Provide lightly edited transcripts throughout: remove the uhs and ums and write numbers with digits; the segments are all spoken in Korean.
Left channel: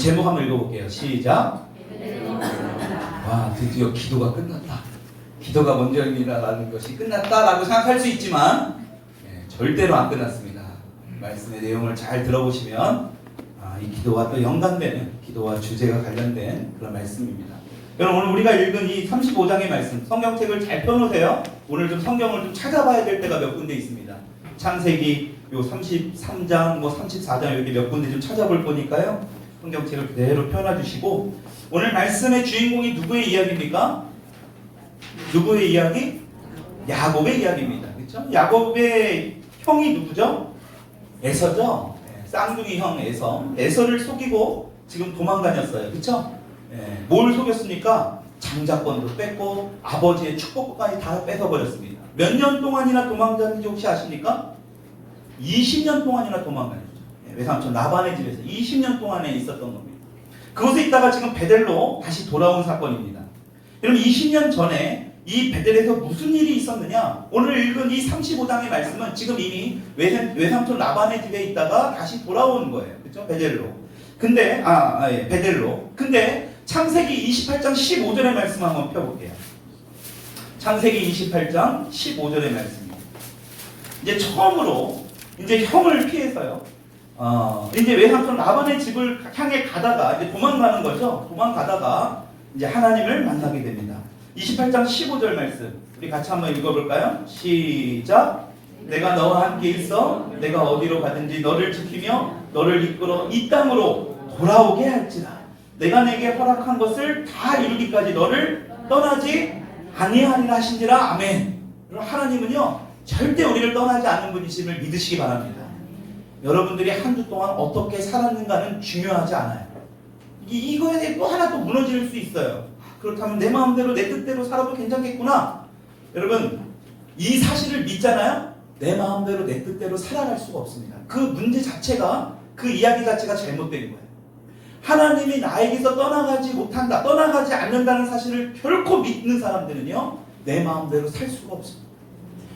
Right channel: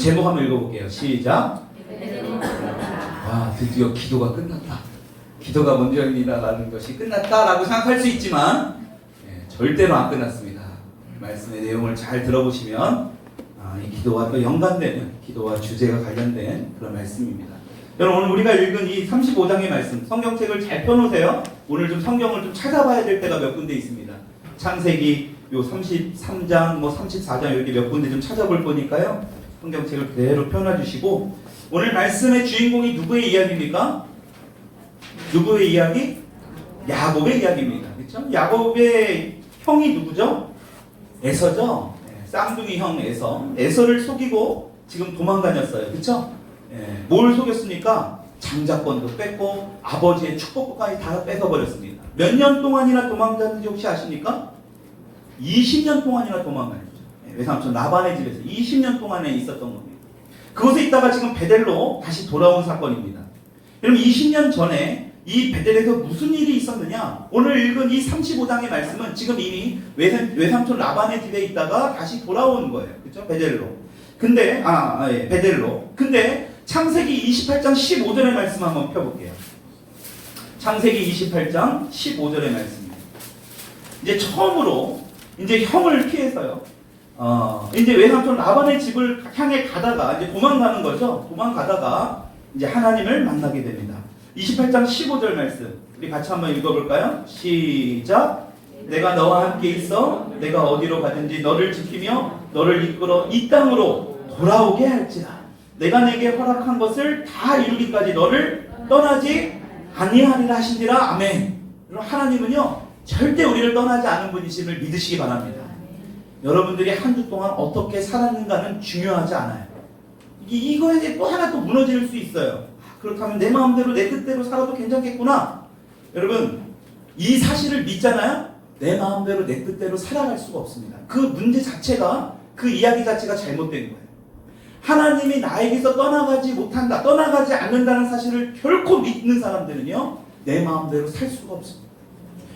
제목 한번 읽어볼게요. 시작. 와, 드디어 기도가 끝났다. 기도가 먼저입니다라는 것이 끝났다라고 생각할 수 있지만 절대로 안 끝났습니다. 말씀의 내용을 잘 들어보시면 이 기도와 또 연관되는, 기도와 주제가 관련된 그런 말씀입니다. 여러분, 오늘 우리가 읽은 이 35장의 말씀, 성경책을 잘 펴놓으세요. 오늘 좀 성경을 좀 찾아봐야 될 때가 몇 군데 있습니다. 창세기 요 33장, 34장 이렇게 몇 군데 좀 찾아볼 거니까요. 성경책을 그대로 펴놔주시고, 오늘 말씀의 주인공이 누구의 이야기입니까? 누구의 이야기? 야곱의 이야기입니다. 그렇죠? 야곱의 형이 누구죠? 에서죠. 쌍둥이 형 에서. 에서를 속이고 지금 도망 다녔어요. 그렇죠? 뭘 속였습니까? 장자권도 뺐고 아버지의 축복까지 다 뺏어버렸습니다. 몇 년 동안이나 도망다녔는지 혹시 아십니까? 20년 동안이나 도망다녔죠. 외삼촌 라반의 집에서 20년 동안에 있었던 겁니다. 그곳에 있다가 지금 베델로 다시 돌아온 사건입니다. 그럼 20년 전에 이 베델에서 무슨 일이 있었느냐? 오늘 읽은 이 35장의 말씀은 지금 이미 외삼촌 라반의 집에 있다가 다시 돌아오는 거예요. 그렇죠? 베델로. 근데 베델로. 근데 창세기 28장 15절의 말씀 한번 펴볼게요. 창세기 28장 15절의 말씀입니다. 이제 처음으로 이제 형을 피해서요. 이제 외삼촌 라반의 집을 향해 가다가 이제 도망가는 거죠. 도망가다가 이제 하나님을 만나게 됩니다. 28장 15절 말씀 우리 같이 한번 읽어볼까요? 시작. 내가 너와 함께 있어 내가 어디로 가든지 너를 지키며 너를 이끌어 이 땅으로 돌아오게 할지라. 내가 내게 허락한 것을 다 이루기까지 너를 떠나지 아니하리라 하신지라. 아멘. 그럼 하나님은요 절대 우리를 떠나지 않은 분이심을 믿으시기 바랍니다. 여러분들이 한 주 동안 어떻게 살았는가는 중요하지 않아요. 이거에 대해 또 하나 또 무너질 수 있어요. 그렇다면 내 마음대로 내 뜻대로 살아도 괜찮겠구나. 여러분, 이 사실을 믿잖아요. 내 마음대로 내 뜻대로 살아갈 수가 없습니다. 그 문제 자체가, 그 이야기 자체가 잘못된 거예요. 하나님이 나에게서 떠나가지 못한다, 떠나가지 않는다는 사실을 결코 믿는 사람들은요 내 마음대로 살 수가 없습니다.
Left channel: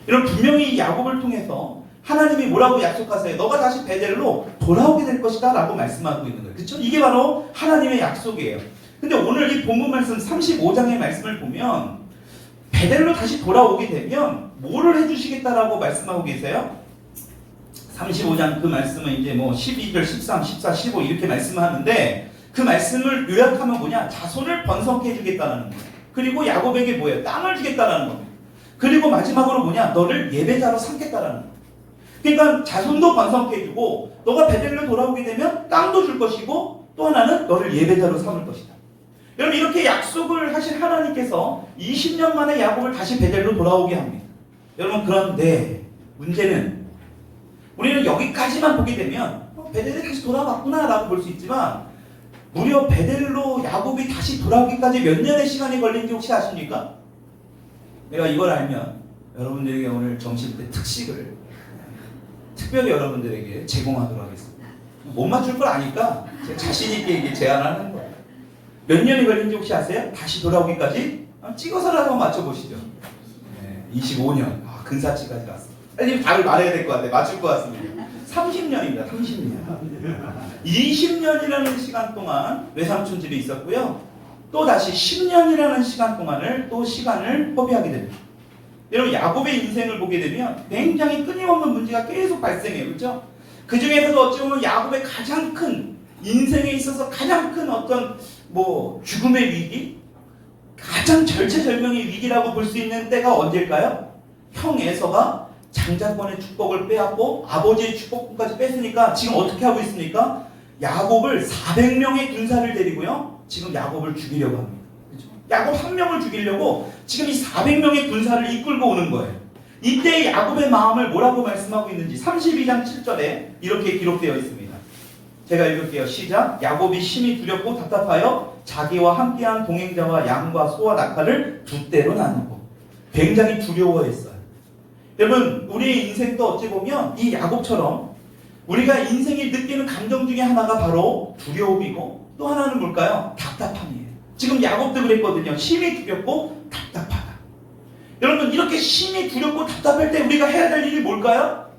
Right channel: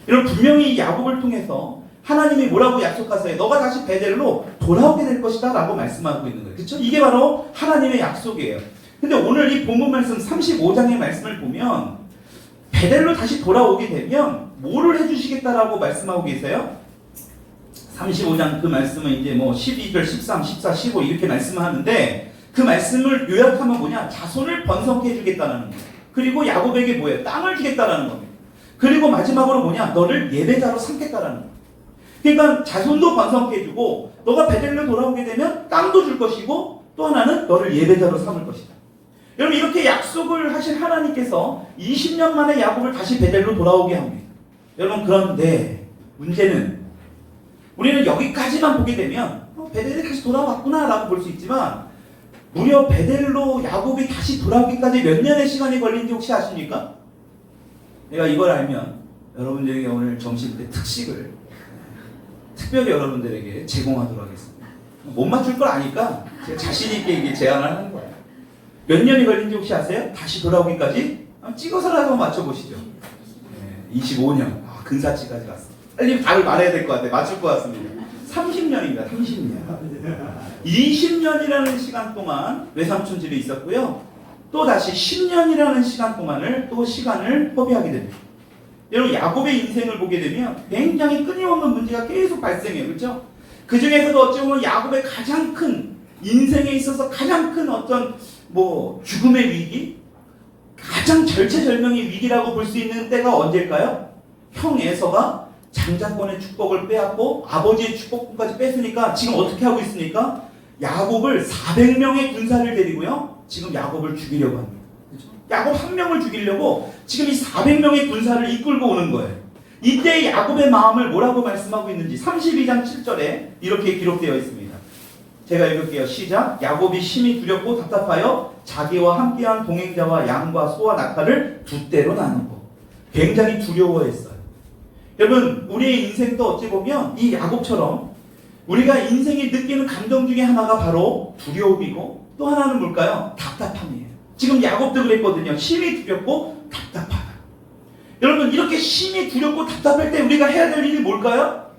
여러분, 분명히 야곱을 통해서 하나님이 뭐라고 약속하세요? 너가 다시 베델로 돌아오게 될 것이다 라고 말씀하고 있는 거예요. 그렇죠? 이게 바로 하나님의 약속이에요. 근데 오늘 이 본문 말씀 35장의 말씀을 보면 베델로 다시 돌아오게 되면 뭐를 해주시겠다라고 말씀하고 계세요? 35장 그 말씀은 이제 12절, 13, 14, 15 이렇게 말씀을 하는데 그 말씀을 요약하면 뭐냐? 자손을 번성케 해주겠다는 거예요. 그리고 야곱에게 뭐예요? 땅을 주겠다라는 겁니다. 그리고 마지막으로 뭐냐? 너를 예배자로 삼겠다라는 거예요. 그러니까 자손도 번성케 해주고 너가 베델로 돌아오게 되면 땅도 줄 것이고 또 하나는 너를 예배자로 삼을 것이다. 여러분, 이렇게 약속을 하신 하나님께서 20년 만에 야곱을 다시 베델로 돌아오게 합니다. 여러분, 그런데 문제는 우리는 여기까지만 보게 되면 베델이 다시 돌아왔구나 라고 볼 수 있지만 무려 베델로 야곱이 다시 돌아오기까지 몇 년의 시간이 걸린지 혹시 아십니까? 내가 이걸 알면 여러분들에게 오늘 정신때 특식을 특별히 여러분들에게 제공하도록 하겠습니다. 못 맞출 걸 아니까 제가 자신있게 제안하는 거예요. 몇 년이 걸린지 혹시 아세요? 다시 돌아오기까지? 찍어서라도 맞춰보시죠. 25년. 근사치까지 갔습니다. 빨리 답을 말해야 될 것 같아요. 맞출 것 같습니다. 30년입니다. 30년. 20년이라는 시간 동안 외삼촌 집에 있었고요. 또 다시 10년이라는 시간 동안을 또 시간을 허비하게 됩니다. 여러분, 야곱의 인생을 보게 되면 굉장히 끊임없는 문제가 계속 발생해요. 그렇죠? 그 중에서도 어찌 보면 야곱의 가장 큰 인생에 있어서 가장 큰 어떤 죽음의 위기, 가장 절체절명의 위기라고 볼 수 있는 때가 언제일까요? 형 에서가 장자권의 축복을 빼앗고 아버지의 축복까지 뺐으니까 지금 어떻게 하고 있습니까? 야곱을 400명의 군사를 데리고요 지금 야곱을 죽이려고 합니다. 그렇죠? 야곱 한 명을 죽이려고 지금 이 400명의 군사를 이끌고 오는 거예요. 이때 야곱의 마음을 뭐라고 말씀하고 있는지 32장 7절에 이렇게 기록되어 있습니다. 제가 읽을게요. 시작. 야곱이 심히 두렵고 답답하여 자기와 함께한 동행자와 양과 소와 낙타를 두 떼로 나누고 굉장히 두려워했어요. 여러분, 우리의 인생도 어찌 보면 이 야곱처럼 우리가 인생이 느끼는 감정 중에 하나가 바로 두려움이고 또 하나는 뭘까요? 답답함이에요. 지금 야곱도 그랬거든요. 심히 두렵고 답답하다. 여러분, 이렇게 심히 두렵고 답답할 때 우리가 해야 될 일이 뭘까요?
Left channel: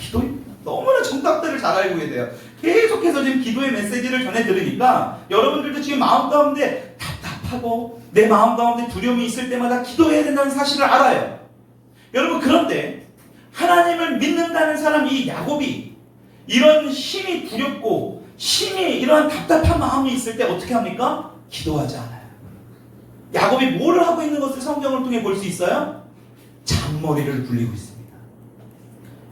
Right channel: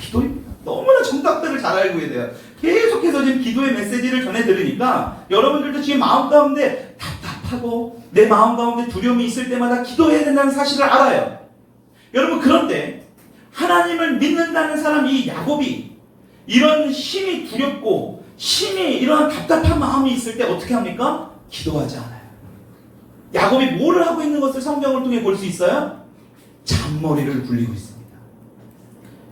기도입니다. 너무나 정답들을 잘 알고 계세요. 계속해서 지금 기도의 메시지를 전해 들으니까 여러분들도 지금 마음 가운데 답답하고 내 마음 가운데 두려움이 있을 때마다 기도해야 된다는 사실을 알아요. 여러분, 그런데 하나님을 믿는다는 사람 이 야곱이 이런 심히 두렵고 심히 이러한 답답한 마음이 있을 때 어떻게 합니까? 기도하지 않아요. 야곱이 뭐를 하고 있는 것을 성경을 통해 볼 수 있어요? 잔머리를 굴리고 있습니다.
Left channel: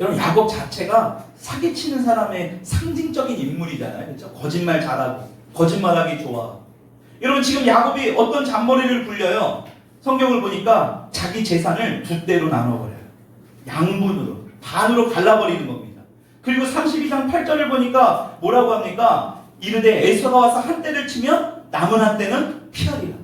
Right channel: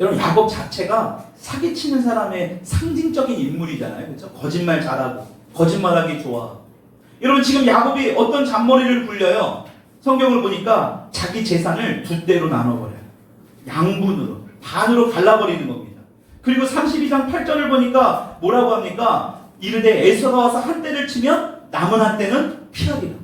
여러분, 야곱 자체가 사기치는 사람의 상징적인 인물이잖아요. 그렇죠? 거짓말 잘하고 거짓말하기 좋아. 여러분, 지금 야곱이 어떤 잔머리를 굴려요? 성경을 보니까 자기 재산을 두 대로 나눠버려요. 양분으로, 반으로 갈라버리는 겁니다. 그리고 32장 8절을 보니까 뭐라고 합니까? 이르되 에서가 와서 한 대를 치면 남은 한 대는 피하리라.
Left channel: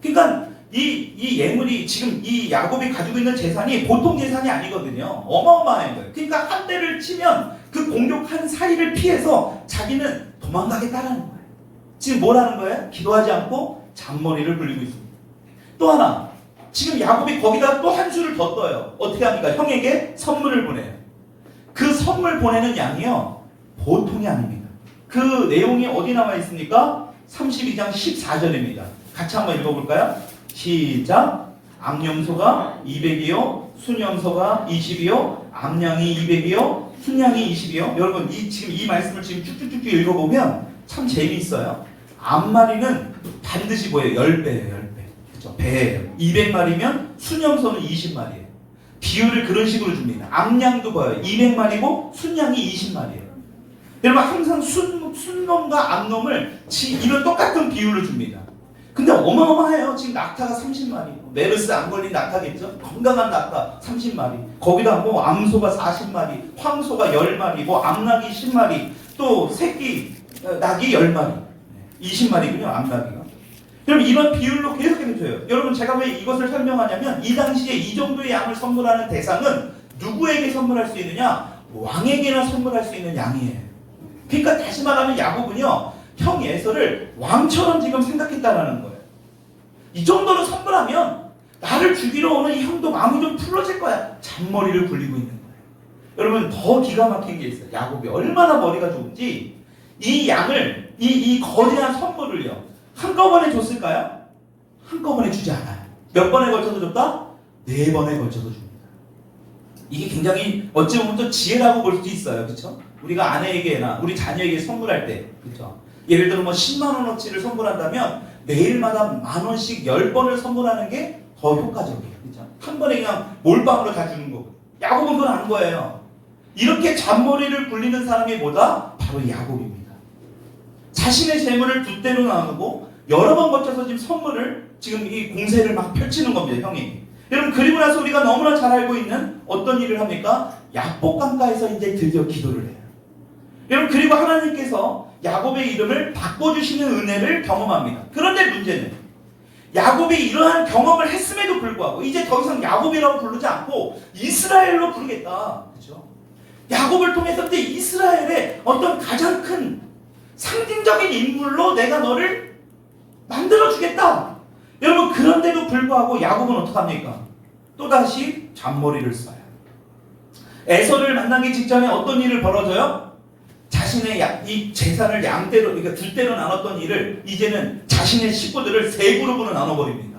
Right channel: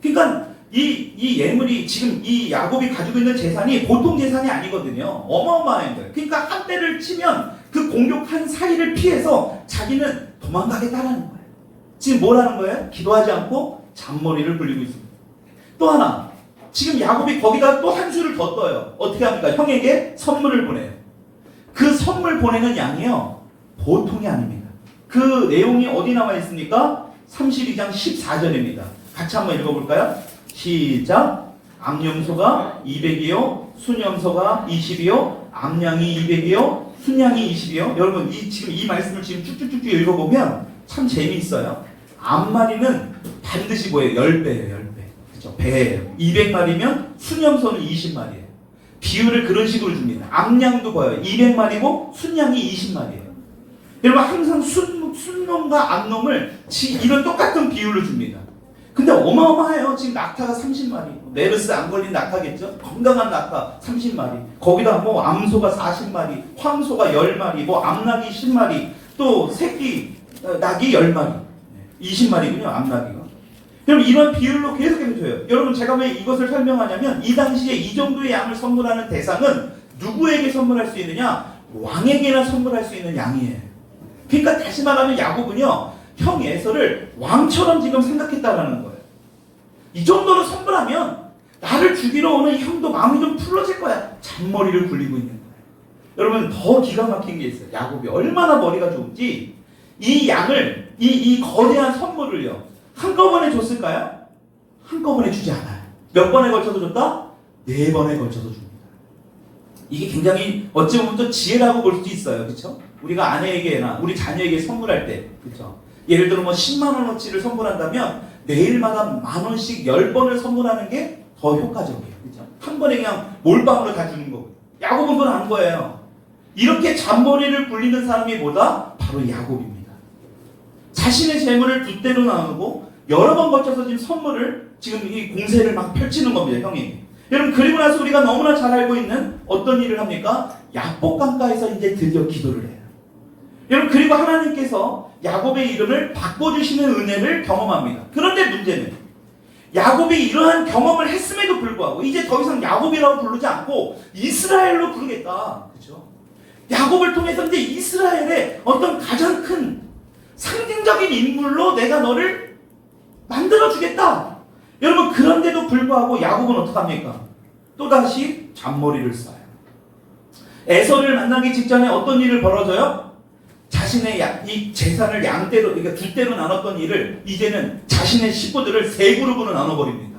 그러니까 이 예물이, 지금 이 야곱이 가지고 있는 재산이 보통 재산이 아니거든요. 어마어마한 거예요. 그러니까 한 대를 치면 그 공격한 사이를 피해서 자기는 도망가겠다라는 거예요. 지금 뭐라는 거예요? 기도하지 않고 잔머리를 굴리고 있습니다. 또 하나, 지금 야곱이 거기다 또 한 수를 더 떠요. 어떻게 합니까? 형에게 선물을 보내요. 그 선물 보내는 양이요, 보통이 아닙니다. 그 내용이 어디 나와 있습니까? 32장 14절입니다. 같이 한번 읽어볼까요? 시작. 암염소가 200이요, 순염소가 20이요, 암양이 200이요, 순양이 20이요. 여러분, 지금 이 말씀을 지금 쭉쭉쭉 읽어보면 참 재미있어요. 암마리는 반드시 뭐예요? 10배예요, 10배. 그죠? 배예요. 200마리면 순염소는 20마리예요. 비율을 그런 식으로 줍니다. 암양도 봐요. 200마리고 순양이 20마리예요. 여러분, 항상 순놈과 암놈을 이런 똑같은 비율로 줍니다. 근데 어마어마해요. 지금 낙타가 30마리, 메르스 안 걸린 낙타겠죠? 건강한 낙타 30마리, 거기다 뭐 암소가 40마리, 황소가 10마리, 뭐 암낙이 10마리, 또 새끼 낙이 10마리, 20마리군요, 암낙이가. 그럼 이런 비율로 계속해서 줘요. 여러분, 제가 왜 이것을 설명하냐면, 이 당시에 이 정도의 양을 선물하는 대상은 누구에게 선물할 수 있느냐? 왕에게나 선물할 수 있는 양이에요. 그러니까 다시 말하면 야곱은요, 형 에서를 왕처럼 지금 생각했다라는 거예요. 이 정도로 선물하면 나를 죽이러 오는 이 형도 마음이 좀 풀어질 거야. 잔머리를 굴리고 있는 거예요. 여러분, 더 기가 막힌 게 있어요. 야곱이 얼마나 머리가 좋은지, 이 양을, 이 거대한 선물을요, 한꺼번에 줬을까요? 한꺼번에 주지 않아요. 몇 번에 걸쳐서 줬다? 4번에 걸쳐서 줍니다. 이게 굉장히 어찌 보면 또 지혜라고 볼 수도 있어요. 그렇죠? 우리가 아내에게나 우리 자녀에게 선물할 때, 그렇죠? 예를 들어 뭐 10만 원어치를 선물한다면 매일마다 10,000원씩 10번을 선물하는 게 더 효과적이에요. 그렇죠? 한 번에 그냥 몰빵으로 다 주는 거거든요. 야곱은 그건 안 거예요. 이렇게 잔머리를 굴리는 사람이 뭐다? 바로 야곱입니다. 자신의 재물을 두 대로 나누고 여러 번 거쳐서 지금 선물을, 지금 이 공세를 막 펼치는 겁니다, 형이. 여러분, 그리고 나서 우리가 너무나 잘 알고 있는 어떤 일을 합니까? 야복강가에서 이제 드디어 기도를 해요. 여러분, 그리고 하나님께서 야곱의 이름을 바꿔주시는 은혜를 경험합니다. 그런데 문제는 야곱이 이러한 경험을 했음에도 불구하고 이제 더 이상 야곱이라고 부르지 않고 이스라엘로 부르겠다. 그렇죠? 야곱을 통해서 이제 이스라엘의 어떤 가장 큰 상징적인 인물로 내가 너를 만들어주겠다. 여러분, 그런데도 불구하고 야곱은 어떡합니까? 또다시 잔머리를 써요. 에서를 만나기 직전에 어떤 일을 벌어져요? 자신의 이 재산을 양대로, 그러니까 두 대로 나눴던 일을 이제는 자신의 식구들을 세 그룹으로 나눠버립니다.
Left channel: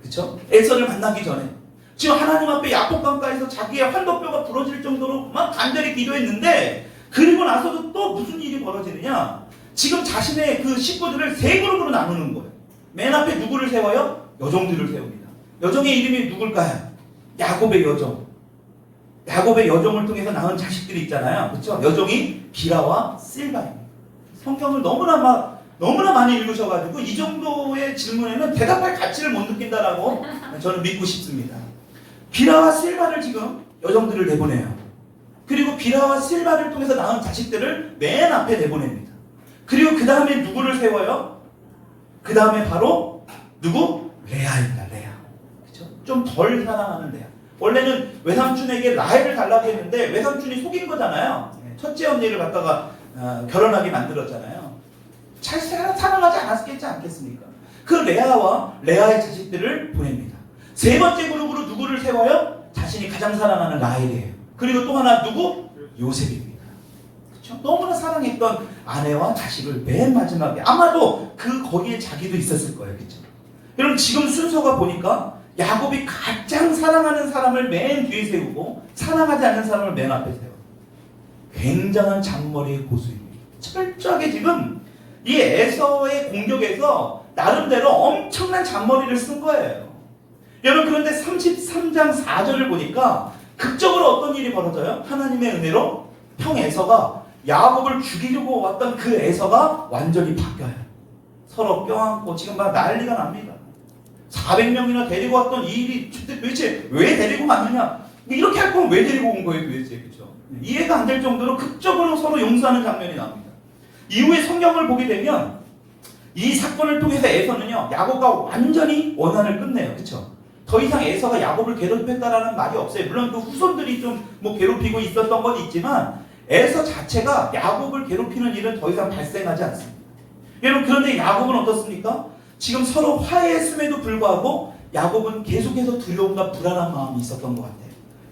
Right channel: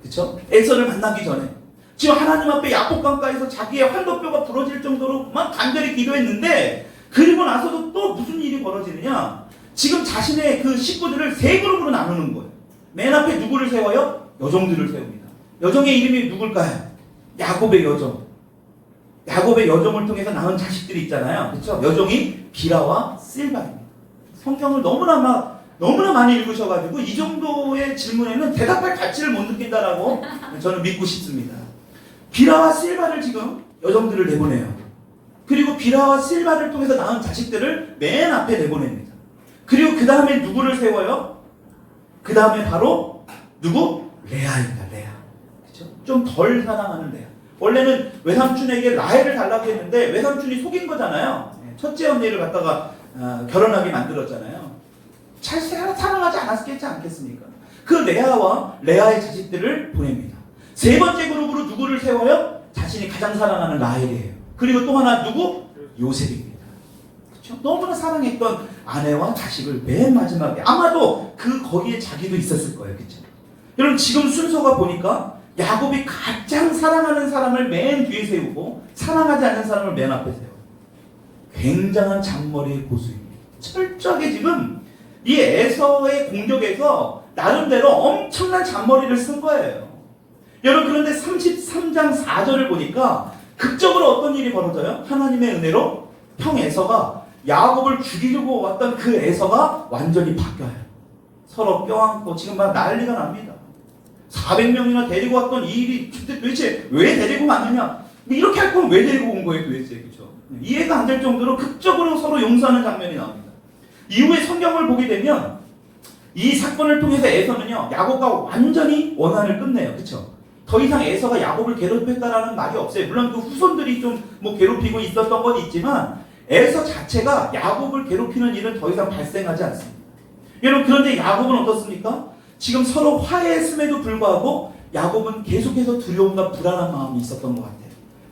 그렇죠? 에서를 만나기 전에 지금 하나님 앞에 야복강가에서 자기의 환도뼈가 부러질 정도로 막 간절히 기도했는데, 그리고 나서도 또 무슨 일이 벌어지느냐? 지금 자신의 그 식구들을 세 그룹으로 나누는 거예요. 맨 앞에 누구를 세워요? 여종들을 세웁니다. 여종의 이름이 누굴까요? 야곱의 여종. 야곱의 여종을 통해서 낳은 자식들이 있잖아요. 그렇죠? 여종이 비라와 실바입니다. 성경을 너무나 많이 읽으셔가지고 이 정도의 질문에는 대답할 가치를 못 느낀다라고 저는 믿고 싶습니다. 비라와 실바를 지금 여종들을 내보내요. 그리고 비라와 실바를 통해서 낳은 자식들을 맨 앞에 내보냅니다. 그리고 그 다음에 누구를 세워요? 그 다음에 바로 누구? 레아입니다. 레아. 그렇죠? 좀 덜 사랑하는 레아. 원래는 외삼촌에게 라헬을 달라고 했는데 외삼촌이 속인 거잖아요. 첫째 언니를 갖다가 결혼하게 만들었잖아요. 잘 사랑하지 않았겠지 않겠습니까? 그 레아와 레아의 자식들을 보냅니다. 세 번째 그룹으로 누구를 세워요? 자신이 가장 사랑하는 라헬이에요. 그리고 또 하나 누구? 요셉입니다. 그렇죠? 그렇죠? 너무나 사랑했던 아내와 자식을 맨 마지막에 아마도 거기에 자기도 있었을 거예요. 그렇죠? 여러분 지금 순서가 보니까 야곱이 가장 사랑하는 사람을 맨 뒤에 세우고 사랑하지 않는 사람을 맨 앞에 세워요. 굉장한 잔머리의 고수입니다. 철저하게 지금 이 에서의 공격에서 나름대로 엄청난 잔머리를 쓴 거예요. 여러분 그런데 33장 4절을 보니까 극적으로 어떤 일이 벌어져요? 하나님의 은혜로 형 에서가 야곱을 죽이려고 왔던 그 에서가 완전히 바뀌어요. 서로 껴안고 지금 막 난리가 납니다. 400명이나 데리고 왔던 이 일이 도대체 왜 데리고 왔느냐? 이렇게 할 거면 왜 데리고 온 거예요 도대체? 그렇죠? 이해가 안 될 정도로 극적으로 서로 용서하는 장면이 나옵니다. 이후에 성경을 보게 되면 이 사건을 통해서 에서는요 야곱과 완전히 원한을 끝내요. 그렇죠? 더 이상 에서가 야곱을 괴롭혔다라는 말이 없어요. 물론 그 후손들이 좀 뭐 괴롭히고 있었던 건 있지만 에서 자체가 야곱을 괴롭히는 일은 더 이상 발생하지 않습니다. 여러분 그런데 야곱은 어떻습니까? 지금 서로 화해했음에도 불구하고 야곱은 계속해서 두려움과 불안한 마음이 있었던 것 같아요.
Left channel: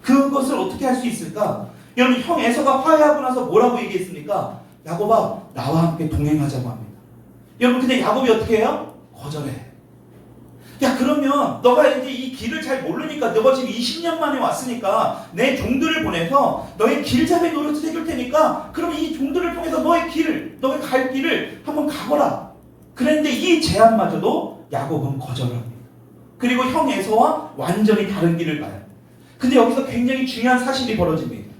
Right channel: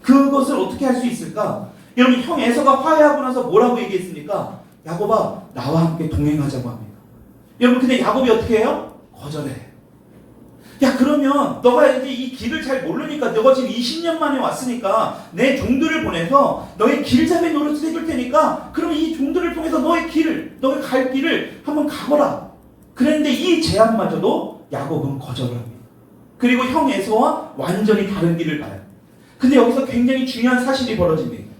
그것을 어떻게 할 수 있을까? 여러분 형 에서가 화해하고 나서 뭐라고 얘기했습니까? 야곱아 나와 함께 동행하자고 합니다. 여러분 근데 야곱이 어떻게 해요? 거절해요. 야 그러면 너가 이제 이 길을 잘 모르니까 너가 지금 20년 만에 왔으니까 내 종들을 보내서 너의 길잡이 노릇을 해줄 테니까 그럼 이 종들을 통해서 너의 갈 길을 한번 가거라. 그런데 이 제안마저도 야곱은 거절을 합니다. 그리고 형 에서와 완전히 다른 길을 가요. 근데 여기서 굉장히 중요한 사실이 벌어집니다.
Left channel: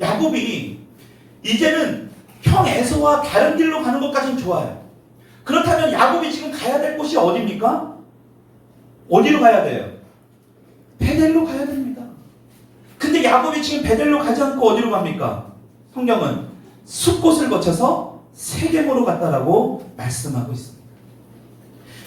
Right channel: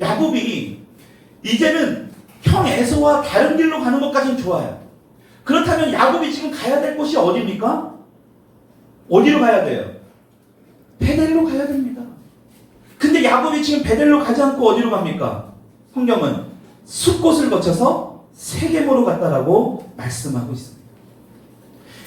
야곱이 이제는 형 에서와 다른 길로 가는 것까지는 좋아요. 그렇다면 야곱이 지금 가야 될 곳이 어디입니까? 어디로 가야 돼요? 베델로 가야 됩니다. 근데 야곱이 지금 베델로 가지 않고 어디로 갑니까? 성경은 숲곳을 거쳐서 세겜으로 갔다라고 말씀하고 있습니다.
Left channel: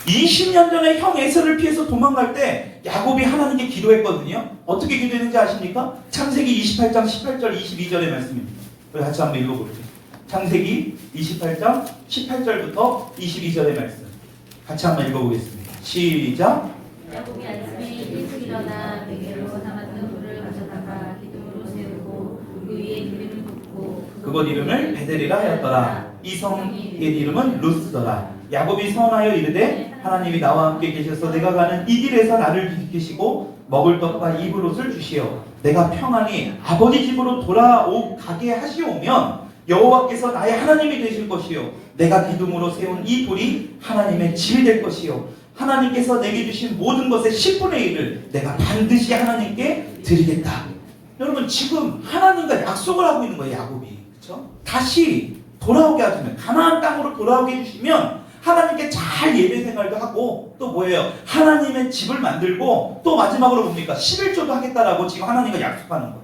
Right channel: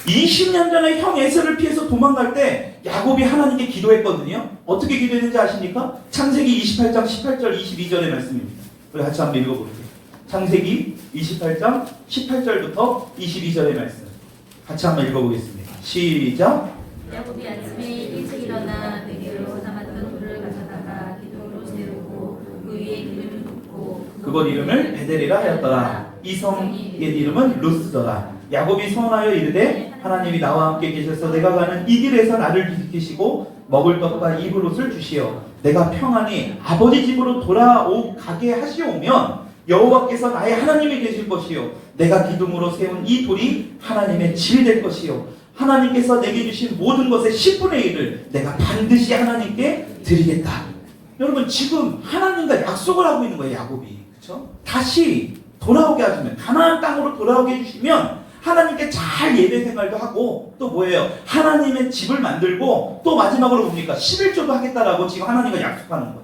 20년 전에 형 에서를 피해서 도망갈 때 야곱이 하나님께 기도했거든요. 어떻게 기도했는지 아십니까? 창세기 28장 18절 22절의 말씀입니다. 우리 같이 한번 읽어볼게요. 창세기 28장 18절부터 22절의 말씀 같이 한번 읽어보겠습니다. 시작. 야곱이 아침에 일찍 일어나 베개로 남았던 돌을 가져다가 기둥으로 세우고 그 위에 기름을 붓고 그곳 이름을 베델이라 하였더라. 이 성의 이름은 루스더라. 야곱이 선하여 이르되 하나님이 나와 함께 계셔서 내가 가는 이 길에서 나를 지키시고 먹을 떡과 입을 옷을 주시어 내가 평안히 아버지 집으로 돌아가게 하시오면 여호와께서 나의 하나님이 되실 것이요 내가 기둥으로 세운 이 돌이 하나님의 집이 될 것이요 하나님께서 내게 주신 모든 것의 10분의 1을 내가 반드시 하나님께 드리겠다. 여러분 지금 하나님과 약속을 하고 있는 거예요. 야곱이. 그렇죠? 다시 돌아오게 하시면 가나안 땅으로 돌아오게 해주시면 하나님께 잘 예배 생활도 하고 또 뭐예요? 하나님의 집을 만들고 또 마지막으로 뭡니까? 11조도 하겠다라고 지금 하나님과 약속하는 거예요.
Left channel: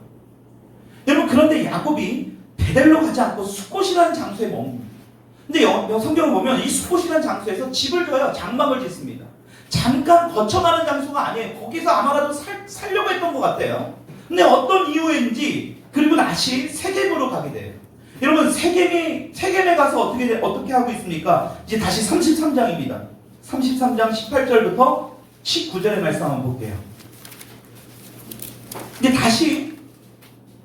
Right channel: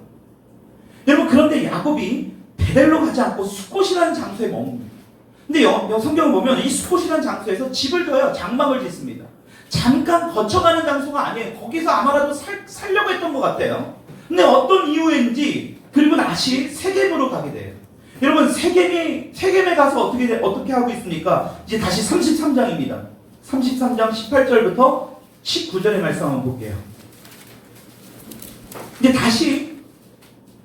여러분 그런데 야곱이 베델로 가지 않고 숫곳이라는 장소에 머뭅니다. 근데 성경을 보면 이 숫곳이라는 장소에서 집을 둬요. 장막을 짓습니다. 잠깐 거쳐가는 장소가 아니에요. 거기서 아마라도 살려고 했던 것 같아요. 근데 어떤 이유인지 그리고 다시 세겜으로 가게 돼요. 여러분 세겜에 가서 어떻게 하고 있습니까? 이제 다시 33장입니다. 33장 18절부터 19절의 말씀 한번 볼게요. 근데 다시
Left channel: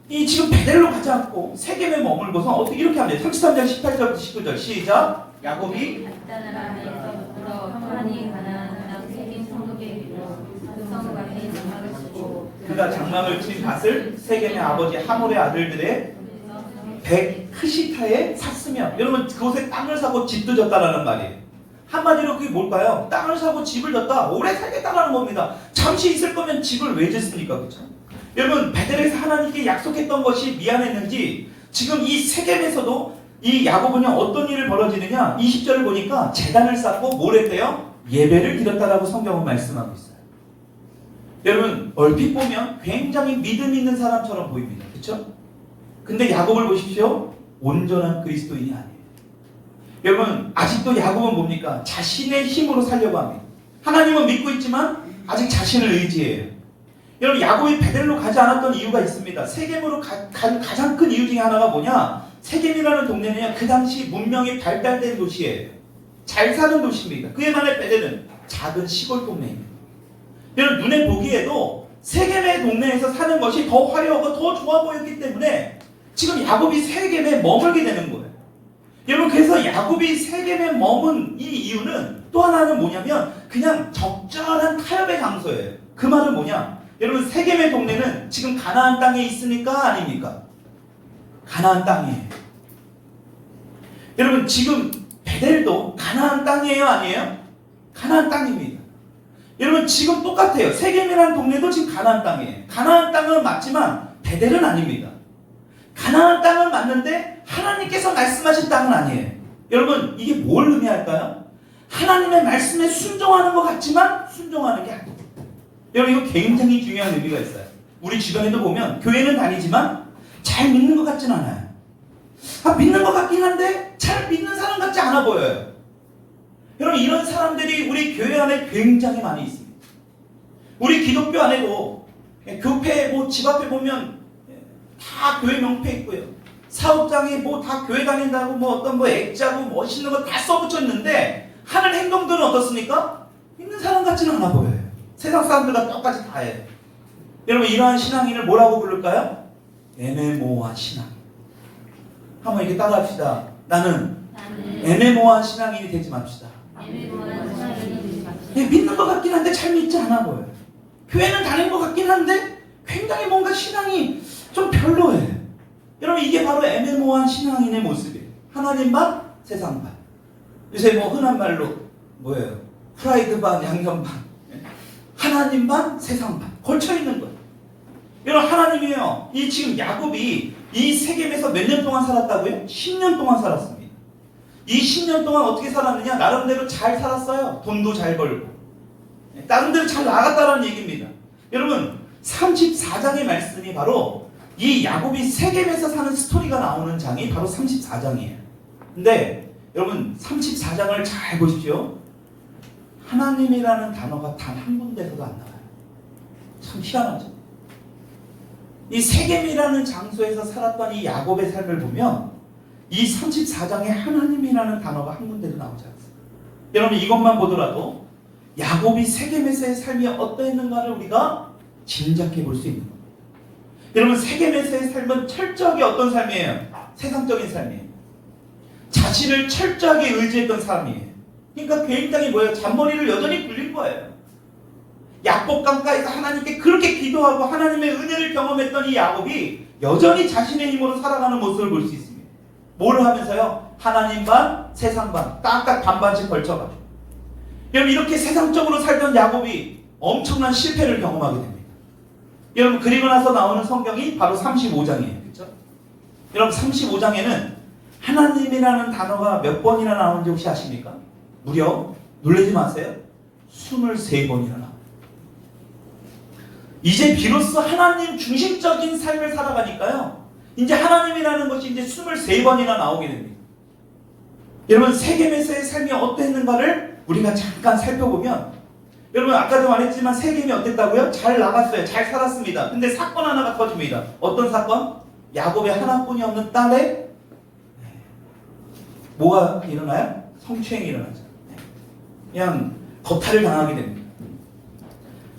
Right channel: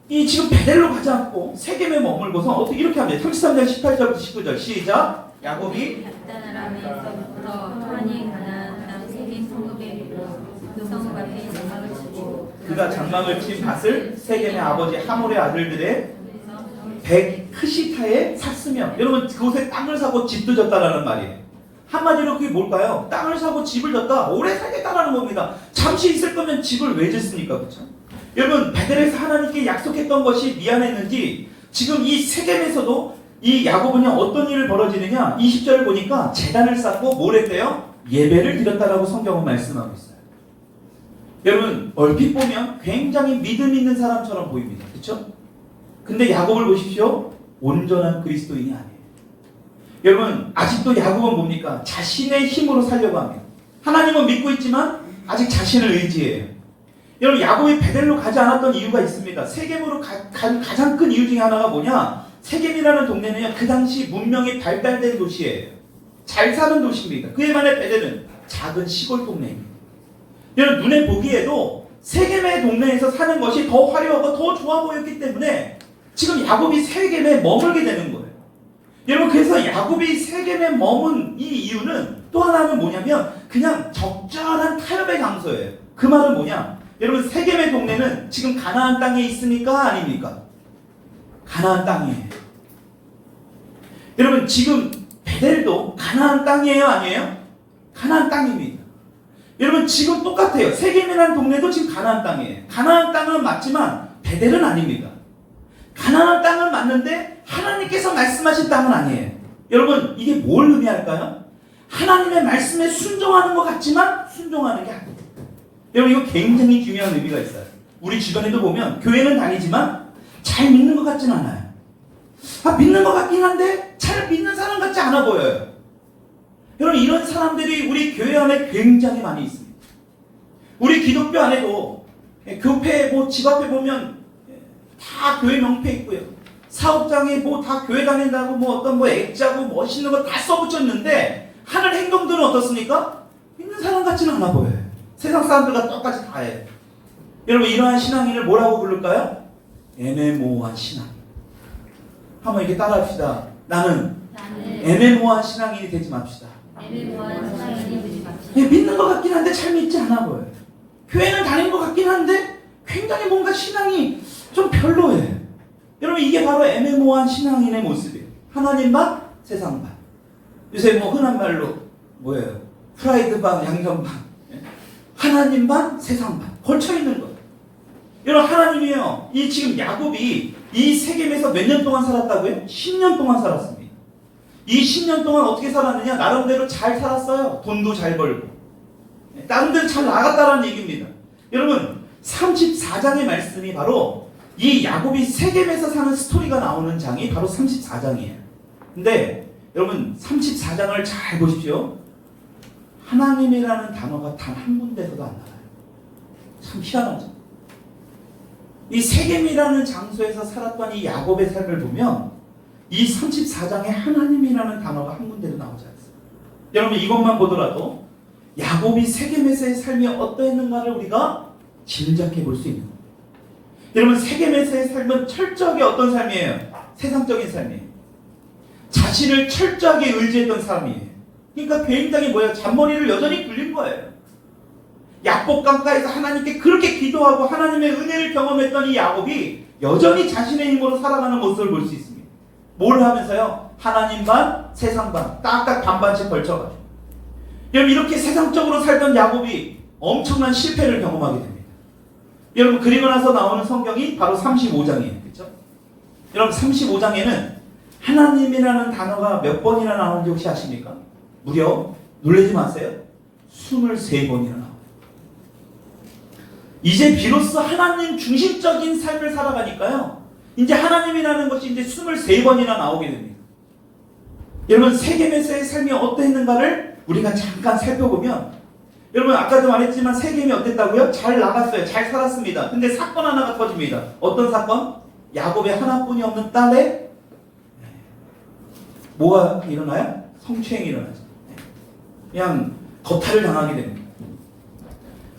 이 지금 베델로 가지 않고 세겜에 머물고서 어떻게 이렇게 합니다. 33장 18절부터 19절 시작. 야곱이 그가 장막을 친 밭을 세겜의 아버지 하몰의 아들들의 백흐시타에 샀으며 여러분 그곳에 땅을 사고 집도 졌다라는 말이에요. 한마디로 그게 뭘까요? 땅을 사고 집을 졌다. 오래 살겠다라는 겁니다. 잠시 있을 거면 집을 왜 짓습니까? 그렇죠? 여러분 베델에서 하나님께 약속했던 것이 미안했는지 지금 이 세겜에서도 이 야곱은요 어떤 일을 벌어지느냐 20절을 보니까 제단을 쌓고 뭘 했대요? 예배를 드렸다라고 성경은 말씀하고 있어요. 여러분 얼핏 보면 굉장히 믿음 있는 사람처럼 보입니다. 그렇죠? 근데 야곱을 보십시오. 온전한 그리스도인이 아니에요. 여러분 아직도 야곱은 뭡니까? 자신의 힘으로 살려고 합니다. 하나님은 믿고 있지만 아직 자신을 의지해요. 여러분 야곱이 베델로 가지 않았던 이유가 있습니다. 세겜으로 간 가장 큰 이유 중에 하나가 뭐냐? 세겜이라는 동네는 그 당시 문명이 발달된 도시예요. 잘 사는 도시입니다. 그에 반해 베델은 작은 시골 동네입니다. 여러분 눈에 보기에도 세겜의 동네에서 사는 것이 더 화려하고 더 좋아 보였기 때문에 지금 야곱이 세겜에 머물게 되는 거예요. 여러분, 그래서 야곱이 세겜에 머문 이 이유는 또 하나는 뭐냐면 그냥 적절한 타협의 장소예요. 그 말은 뭐냐? 여러분, 세겜의 동네는 지금 가나안 땅에 있으니까 아닙니까? 가나안 땅이에요. 여러분, 지금 베델도 가나안 땅이에요, 아니에요? 가나안 땅입니다. 여러분, 지금 똑같아요. 세겜이라는 동네도 지금 가나안 땅이에요. 가나안 땅은 맞지만 베델은 아닙니다. 가나안 땅은 맞는데 하나님께서 말씀하신 땅은 아니에요. 여러분, 이게 뭘 의미할까요? 하나님의 말씀에 순종하는 것 같지만 순종하는 게 아니에요. 여러분, 이거 굉장히 중요한 의미가 있어요. 우리 주변에도 보면 교회는 다니지만 잘 믿는 것 같지는 않아요. 믿는 것 같긴 한데 잘 믿는 사람 같지 않아 보여요. 여러분, 이런 사람들이 우리 교회 안에 굉장히 많이 있습니다. 우리 기독교 안에도 교회 집 앞에 보면 다 교회 명패 있고요. 사업장에 다 교회 다닌다고 어떤 액자고 멋있는 거 다 써붙여 있는데 하는 행동들은 어떻습니까? 믿는 사람 같지는 않아 보여요. 세상 사람들과 똑같이 다 해요. 여러분, 이러한 신앙인을 뭐라고 부를까요? 애매모호한 신앙. 한번 이렇게 따라합시다. 나는 애매모호한 신앙인이 되지 맙시다. 믿는 것 같긴 한데 잘 믿지 않아 보여요. 교회는 다니는 것 같긴 한데 굉장히 뭔가 신앙이 좀 별로예요. 여러분, 이게 바로 애매모호한 신앙인의 모습이에요. 하나님 반, 세상 반. 요새 흔한 말로 뭐예요? 프라이드 반, 양념 반. 하나님 반, 세상 반. 걸쳐있는 거예요. 여러분, 하나님이에요. 지금 야곱이 이 세겜에서 몇 년 동안 살았다고요? 10년 동안 살았습니다. 이 10년 동안 어떻게 살았느냐? 나름대로 잘 살았어요. 돈도 잘 벌고. 나름대로 잘 나갔다라는 얘기입니다. 여러분, 34장의 말씀이 바로 이 야곱이 세겜에서 사는 스토리가 나오는 장이 바로 34장이에요. 근데 여러분, 34장을 잘 보십시오. 하나님이라는 단어가 단 한 군데서도 안 나와요. 참 희한하죠. 이 세겜이라는 장소에서 살았던 이 야곱의 삶을 보면 이 34장에 하나님이라는 단어가 한 군데도 나오지 않습니다. 여러분, 이것만 보더라도 야곱이 세겜에서의 삶이 어떠했는가를 우리가 짐작해 볼 수 있는 겁니다. 여러분, 세겜에서의 삶은 철저하게 어떤 삶이에요? 세상적인 삶이에요. 자신을 철저하게 의지했던 삶이에요. 그러니까 베인 땅이 뭐예요? 잔머리를 여전히 굴린 거예요. 야곱 강가에서 하나님께 그렇게 기도하고 하나님의 은혜를 경험했던 이 야곱이 여전히 자신의 힘으로 살아가는 모습을 볼 수 있습니다. 뭘 하면서요? 하나님 반, 세상 반, 딱딱 반반씩 걸쳐가지고. 여러분, 이렇게 세상적으로 살던 야곱이 엄청난 실패를 경험하게 됩니다. 여러분, 그리고 나서 나오는 성경이 바로 35장이에요. 그렇죠? 여러분, 35장에는 하나님이라는 단어가 몇 번이나 나오는지 혹시 아십니까? 무려, 놀라지 마세요, 23번이나 나와요. 이제 비로소 하나님 중심적인 삶을 살아가니까요, 이제 하나님이라는 것이 이제 23번이나 나오게 됩니다. 여러분, 세겜에서의 삶이 어땠는가를 우리가 잠깐 살펴보면, 여러분, 아까도 말했지만 세겜이 어땠다고요? 잘 나갔어요. 잘 살았습니다. 근데 사건 하나가 터집니다. 어떤 사건? 야곱의 하나뿐이 없는 딸의 뭐가 일어나요? 성추행이 일어나죠. 그냥 거탈을 당하게 됩니다.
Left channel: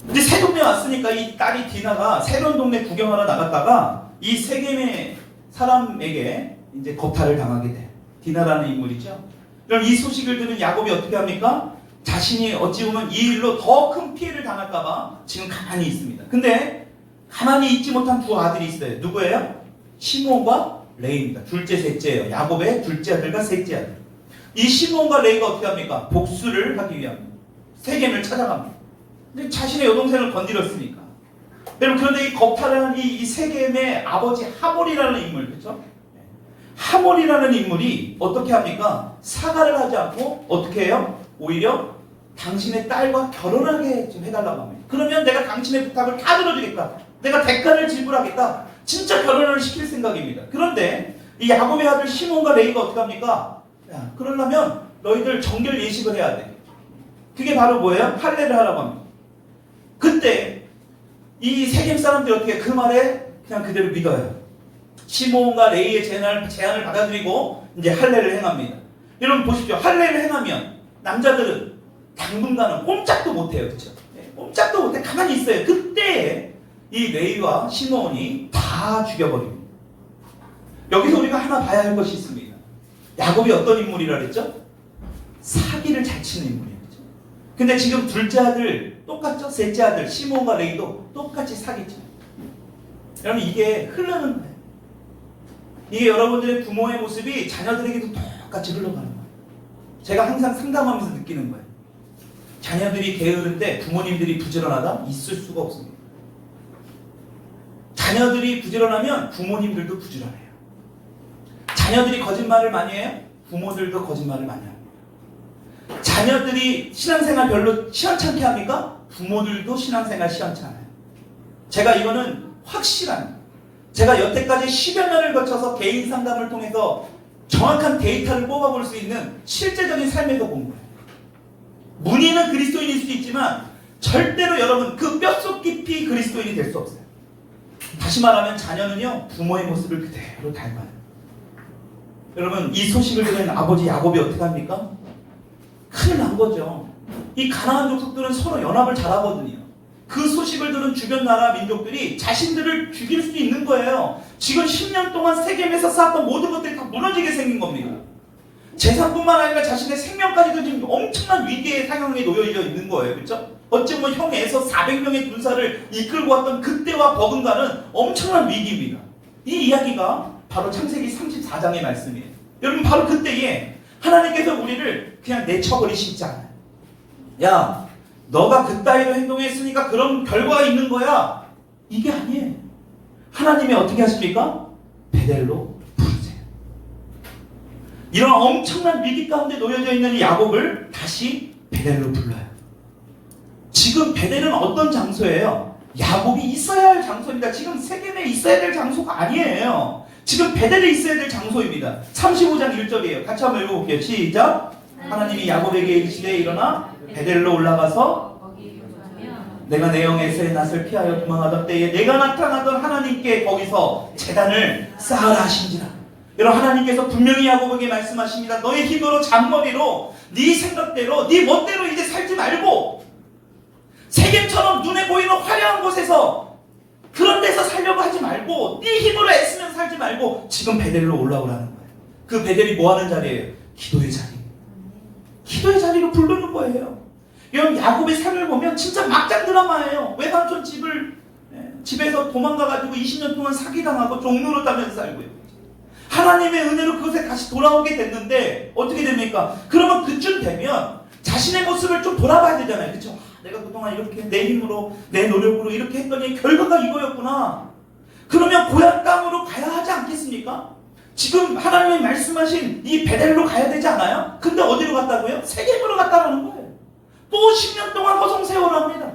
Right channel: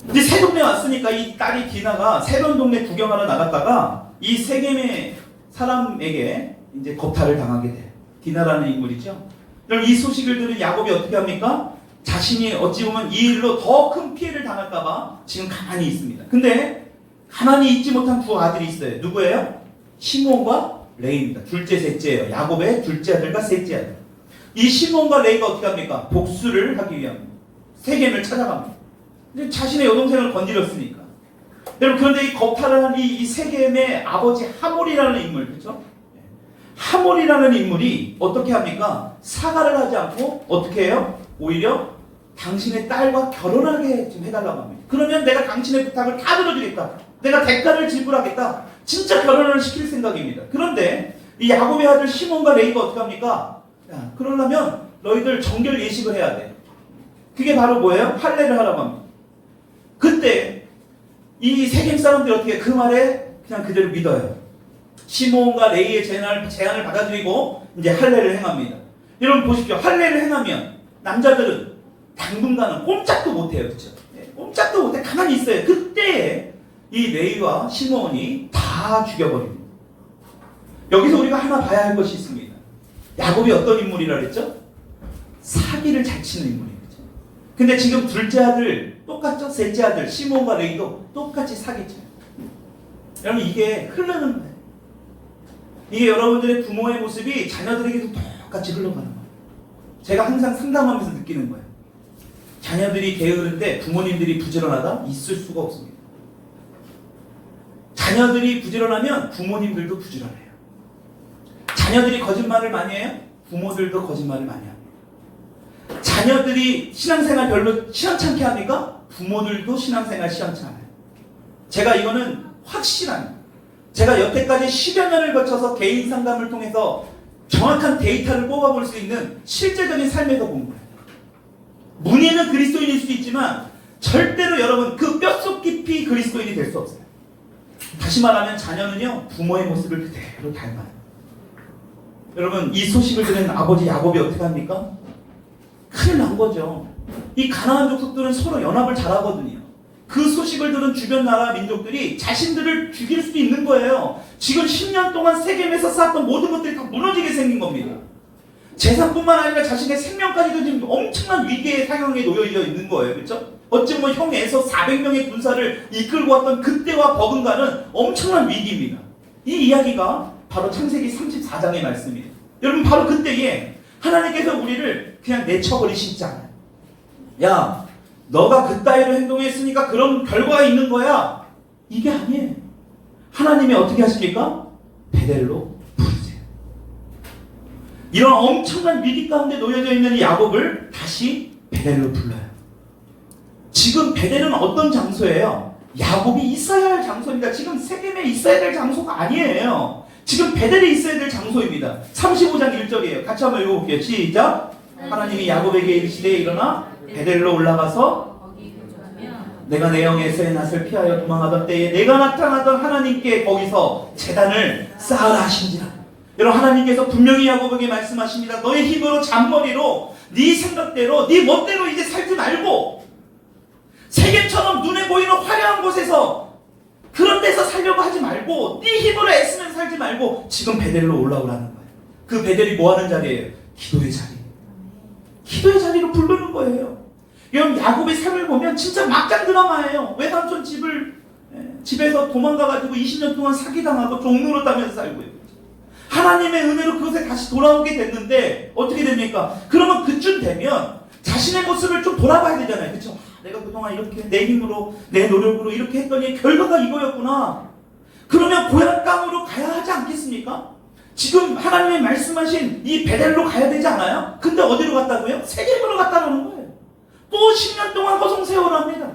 근데 새 동네 왔으니까 이 딸이 디나가 새로운 동네 구경하러 나갔다가 이 세겜의 사람에게 이제 거탈을 당하게 돼요. 디나라는 인물이죠. 그럼 이 소식을 들은 야곱이 어떻게 합니까? 자신이 어찌 보면 이 일로 더 큰 피해를 당할까봐 지금 가만히 있습니다. 근데 가만히 있지 못한 두 아들이 있어요. 누구예요? 시몬과 레이입니다. 둘째, 셋째예요. 야곱의 둘째 아들과 셋째 아들. 이 시몬과 레이가 어떻게 합니까? 복수를 하기 위한 세겜을 찾아갑니다. 근데 자신의 여동생을 건드렸으니까. 여러분, 그런데 이 겁탈하는 이 세겜의 아버지 하몰이라는 인물, 그렇죠? 하몰이라는 인물이 어떻게 합니까? 사과를 하지 않고 어떻게 해요? 오히려 당신의 딸과 결혼하게 좀 해달라고 합니다. 그러면 내가 당신의 부탁을 다 들어주겠다. 내가 대가를 지불하겠다. 진짜 결혼을 시킬 생각입니다. 그런데 이 야곱의 아들 시몬과 레이가 어떻게 합니까? 야, 그러려면 너희들 정결 예식을 해야 돼. 그게 바로 뭐예요? 할례를 하라고 합니다. 그때 이 세겜 사람들이 어떻게 그 말에 그냥 그대로 믿어요. 시몬과 레이의 제안을 받아들이고 이제 할례를 행합니다. 여러분 보십시오. 할례를 행하면 남자들은 당분간은 꼼짝도 못해요. 그렇죠? 꼼짝도 못해 가만히 있어요. 그때 이 레이와 시몬이 다 죽여버립니다. 여기서 우리가 하나 봐야 할 것이 있습니다. 야곱이 어떤 인물이라 그랬죠? 사기를 잘 치는 인물이죠. 근데 지금 둘째 아들 똑같죠? 셋째 아들 시몬과 레이도 똑같이 사기쳐요. 여러분 이게 흐르는 거예요. 이게 여러분들의 부모의 모습이 자녀들에게도 똑같이 흘러가는 거예요. 제가 항상 상담하면서 느끼는 거예요. 자녀들이 게으른데 부모님들이 부지런하다? 있을 수가 없습니다. 자녀들이 부지런하면 부모님들도 부지런해요. 자녀들이 거짓말을 많이 해요? 부모들도 거짓말을 많이 합니다. 자녀들이 신앙생활 별로 시원찮게 합니까? 부모들도 신앙생활 시원찮아요. 제가 이거는 확실합니다. 제가 여태까지 10여 년을 거쳐서 개인 상담을 통해서 정확한 데이터를 뽑아볼 수 있는 실제적인 삶에서 본 거예요. 문의는 그리스도인일 수 있지만 절대로 여러분 그 뼛속 깊이 그리스도인이 될 수 없어요. 다시 말하면 자녀는요 부모의 모습을 그대로 닮아요. 여러분 이 소식을 들은 아버지 야곱이 어떻게 합니까? 큰일 난 거죠. 이 가나안 족속들은 서로 연합을 잘하거든요. 그 소식을 들은 주변 나라 민족들이 자신들을 죽일 수도 있는 거예요. 지금 10년 동안 세겜에서 쌓았던 모든 것들이 다 무너지게 생긴 겁니다. 재산뿐만 아니라 자신의 생명까지도 지금 엄청난 위기의 상황에 놓여 있는 거예요. 그렇죠? 어찌 보면 형에서 400명의 군사를 이끌고 왔던 그때와 버금가는 엄청난 위기입니다. 이 이야기가 바로 창세기 34장의 말씀이에요. 여러분 바로 그때에 하나님께서 우리를 그냥 내쳐버리시지 않아요. 야, 너가 그따위로 행동했으니까 그런 결과가 있는 거야. 이게 아니에요. 하나님이 어떻게 하십니까? 베델로 부르세요. 이런 엄청난 위기 가운데 놓여져 있는 이 야곱을 다시 베델로 불러요. 지금 베델은 어떤 장소예요? 야곱이 있어야 할 장소입니다. 지금 세겜에 있어야 될 장소가 아니에요. 지금 베델에 있어야 될 장소입니다. 35장 1절이에요. 같이 한번 읽어볼게요. 시작. 하나님이 야곱에게 이르시되 일어나 베델로 올라가서 내가 내 영에서의 낯을 피하여 도망하던 때에 내가 나타나던 하나님께 거기서 제단을 쌓으라 하신지라. 여러분 하나님께서 분명히 야곱에게 말씀하십니다. 너의 힘으로 잔머리로 네 생각대로 네 멋대로 이제 살지 말고 세겜처럼 눈에 보이는 화려한 곳에서 그런 데서 살려고 하지 말고 네 힘으로 애쓰면 살지 말고 지금 베델로 올라오라는 거예요. 그 베델이 뭐하는 자리예요? 기도의 자리. 기도의 자리로 부르는 거예요. 여러분 야곱의 삶을 보면 진짜 막장 드라마예요. 외삼촌 집에서 도망가가지고 20년 동안 사기당하고 종로로 따면서 살고 있어요. 하나님의 은혜로 그것에 다시 돌아오게 됐는데 어떻게 됩니까? 그러면 그쯤 되면 자신의 모습을 좀 돌아봐야 되잖아요. 그렇죠? 내가 그동안 이렇게 내 힘으로 내 노력으로 이렇게 했더니 결과가 이거였구나. 그러면 고향 땅으로 가야 하지 않겠습니까? 지금 하나님이 말씀하신 이 베델로 가야 되지 않아요? 근데 어디로 갔다고요? 세겜으로 갔다는 거예요. 또 10년 동안 허송 세월을 합니다.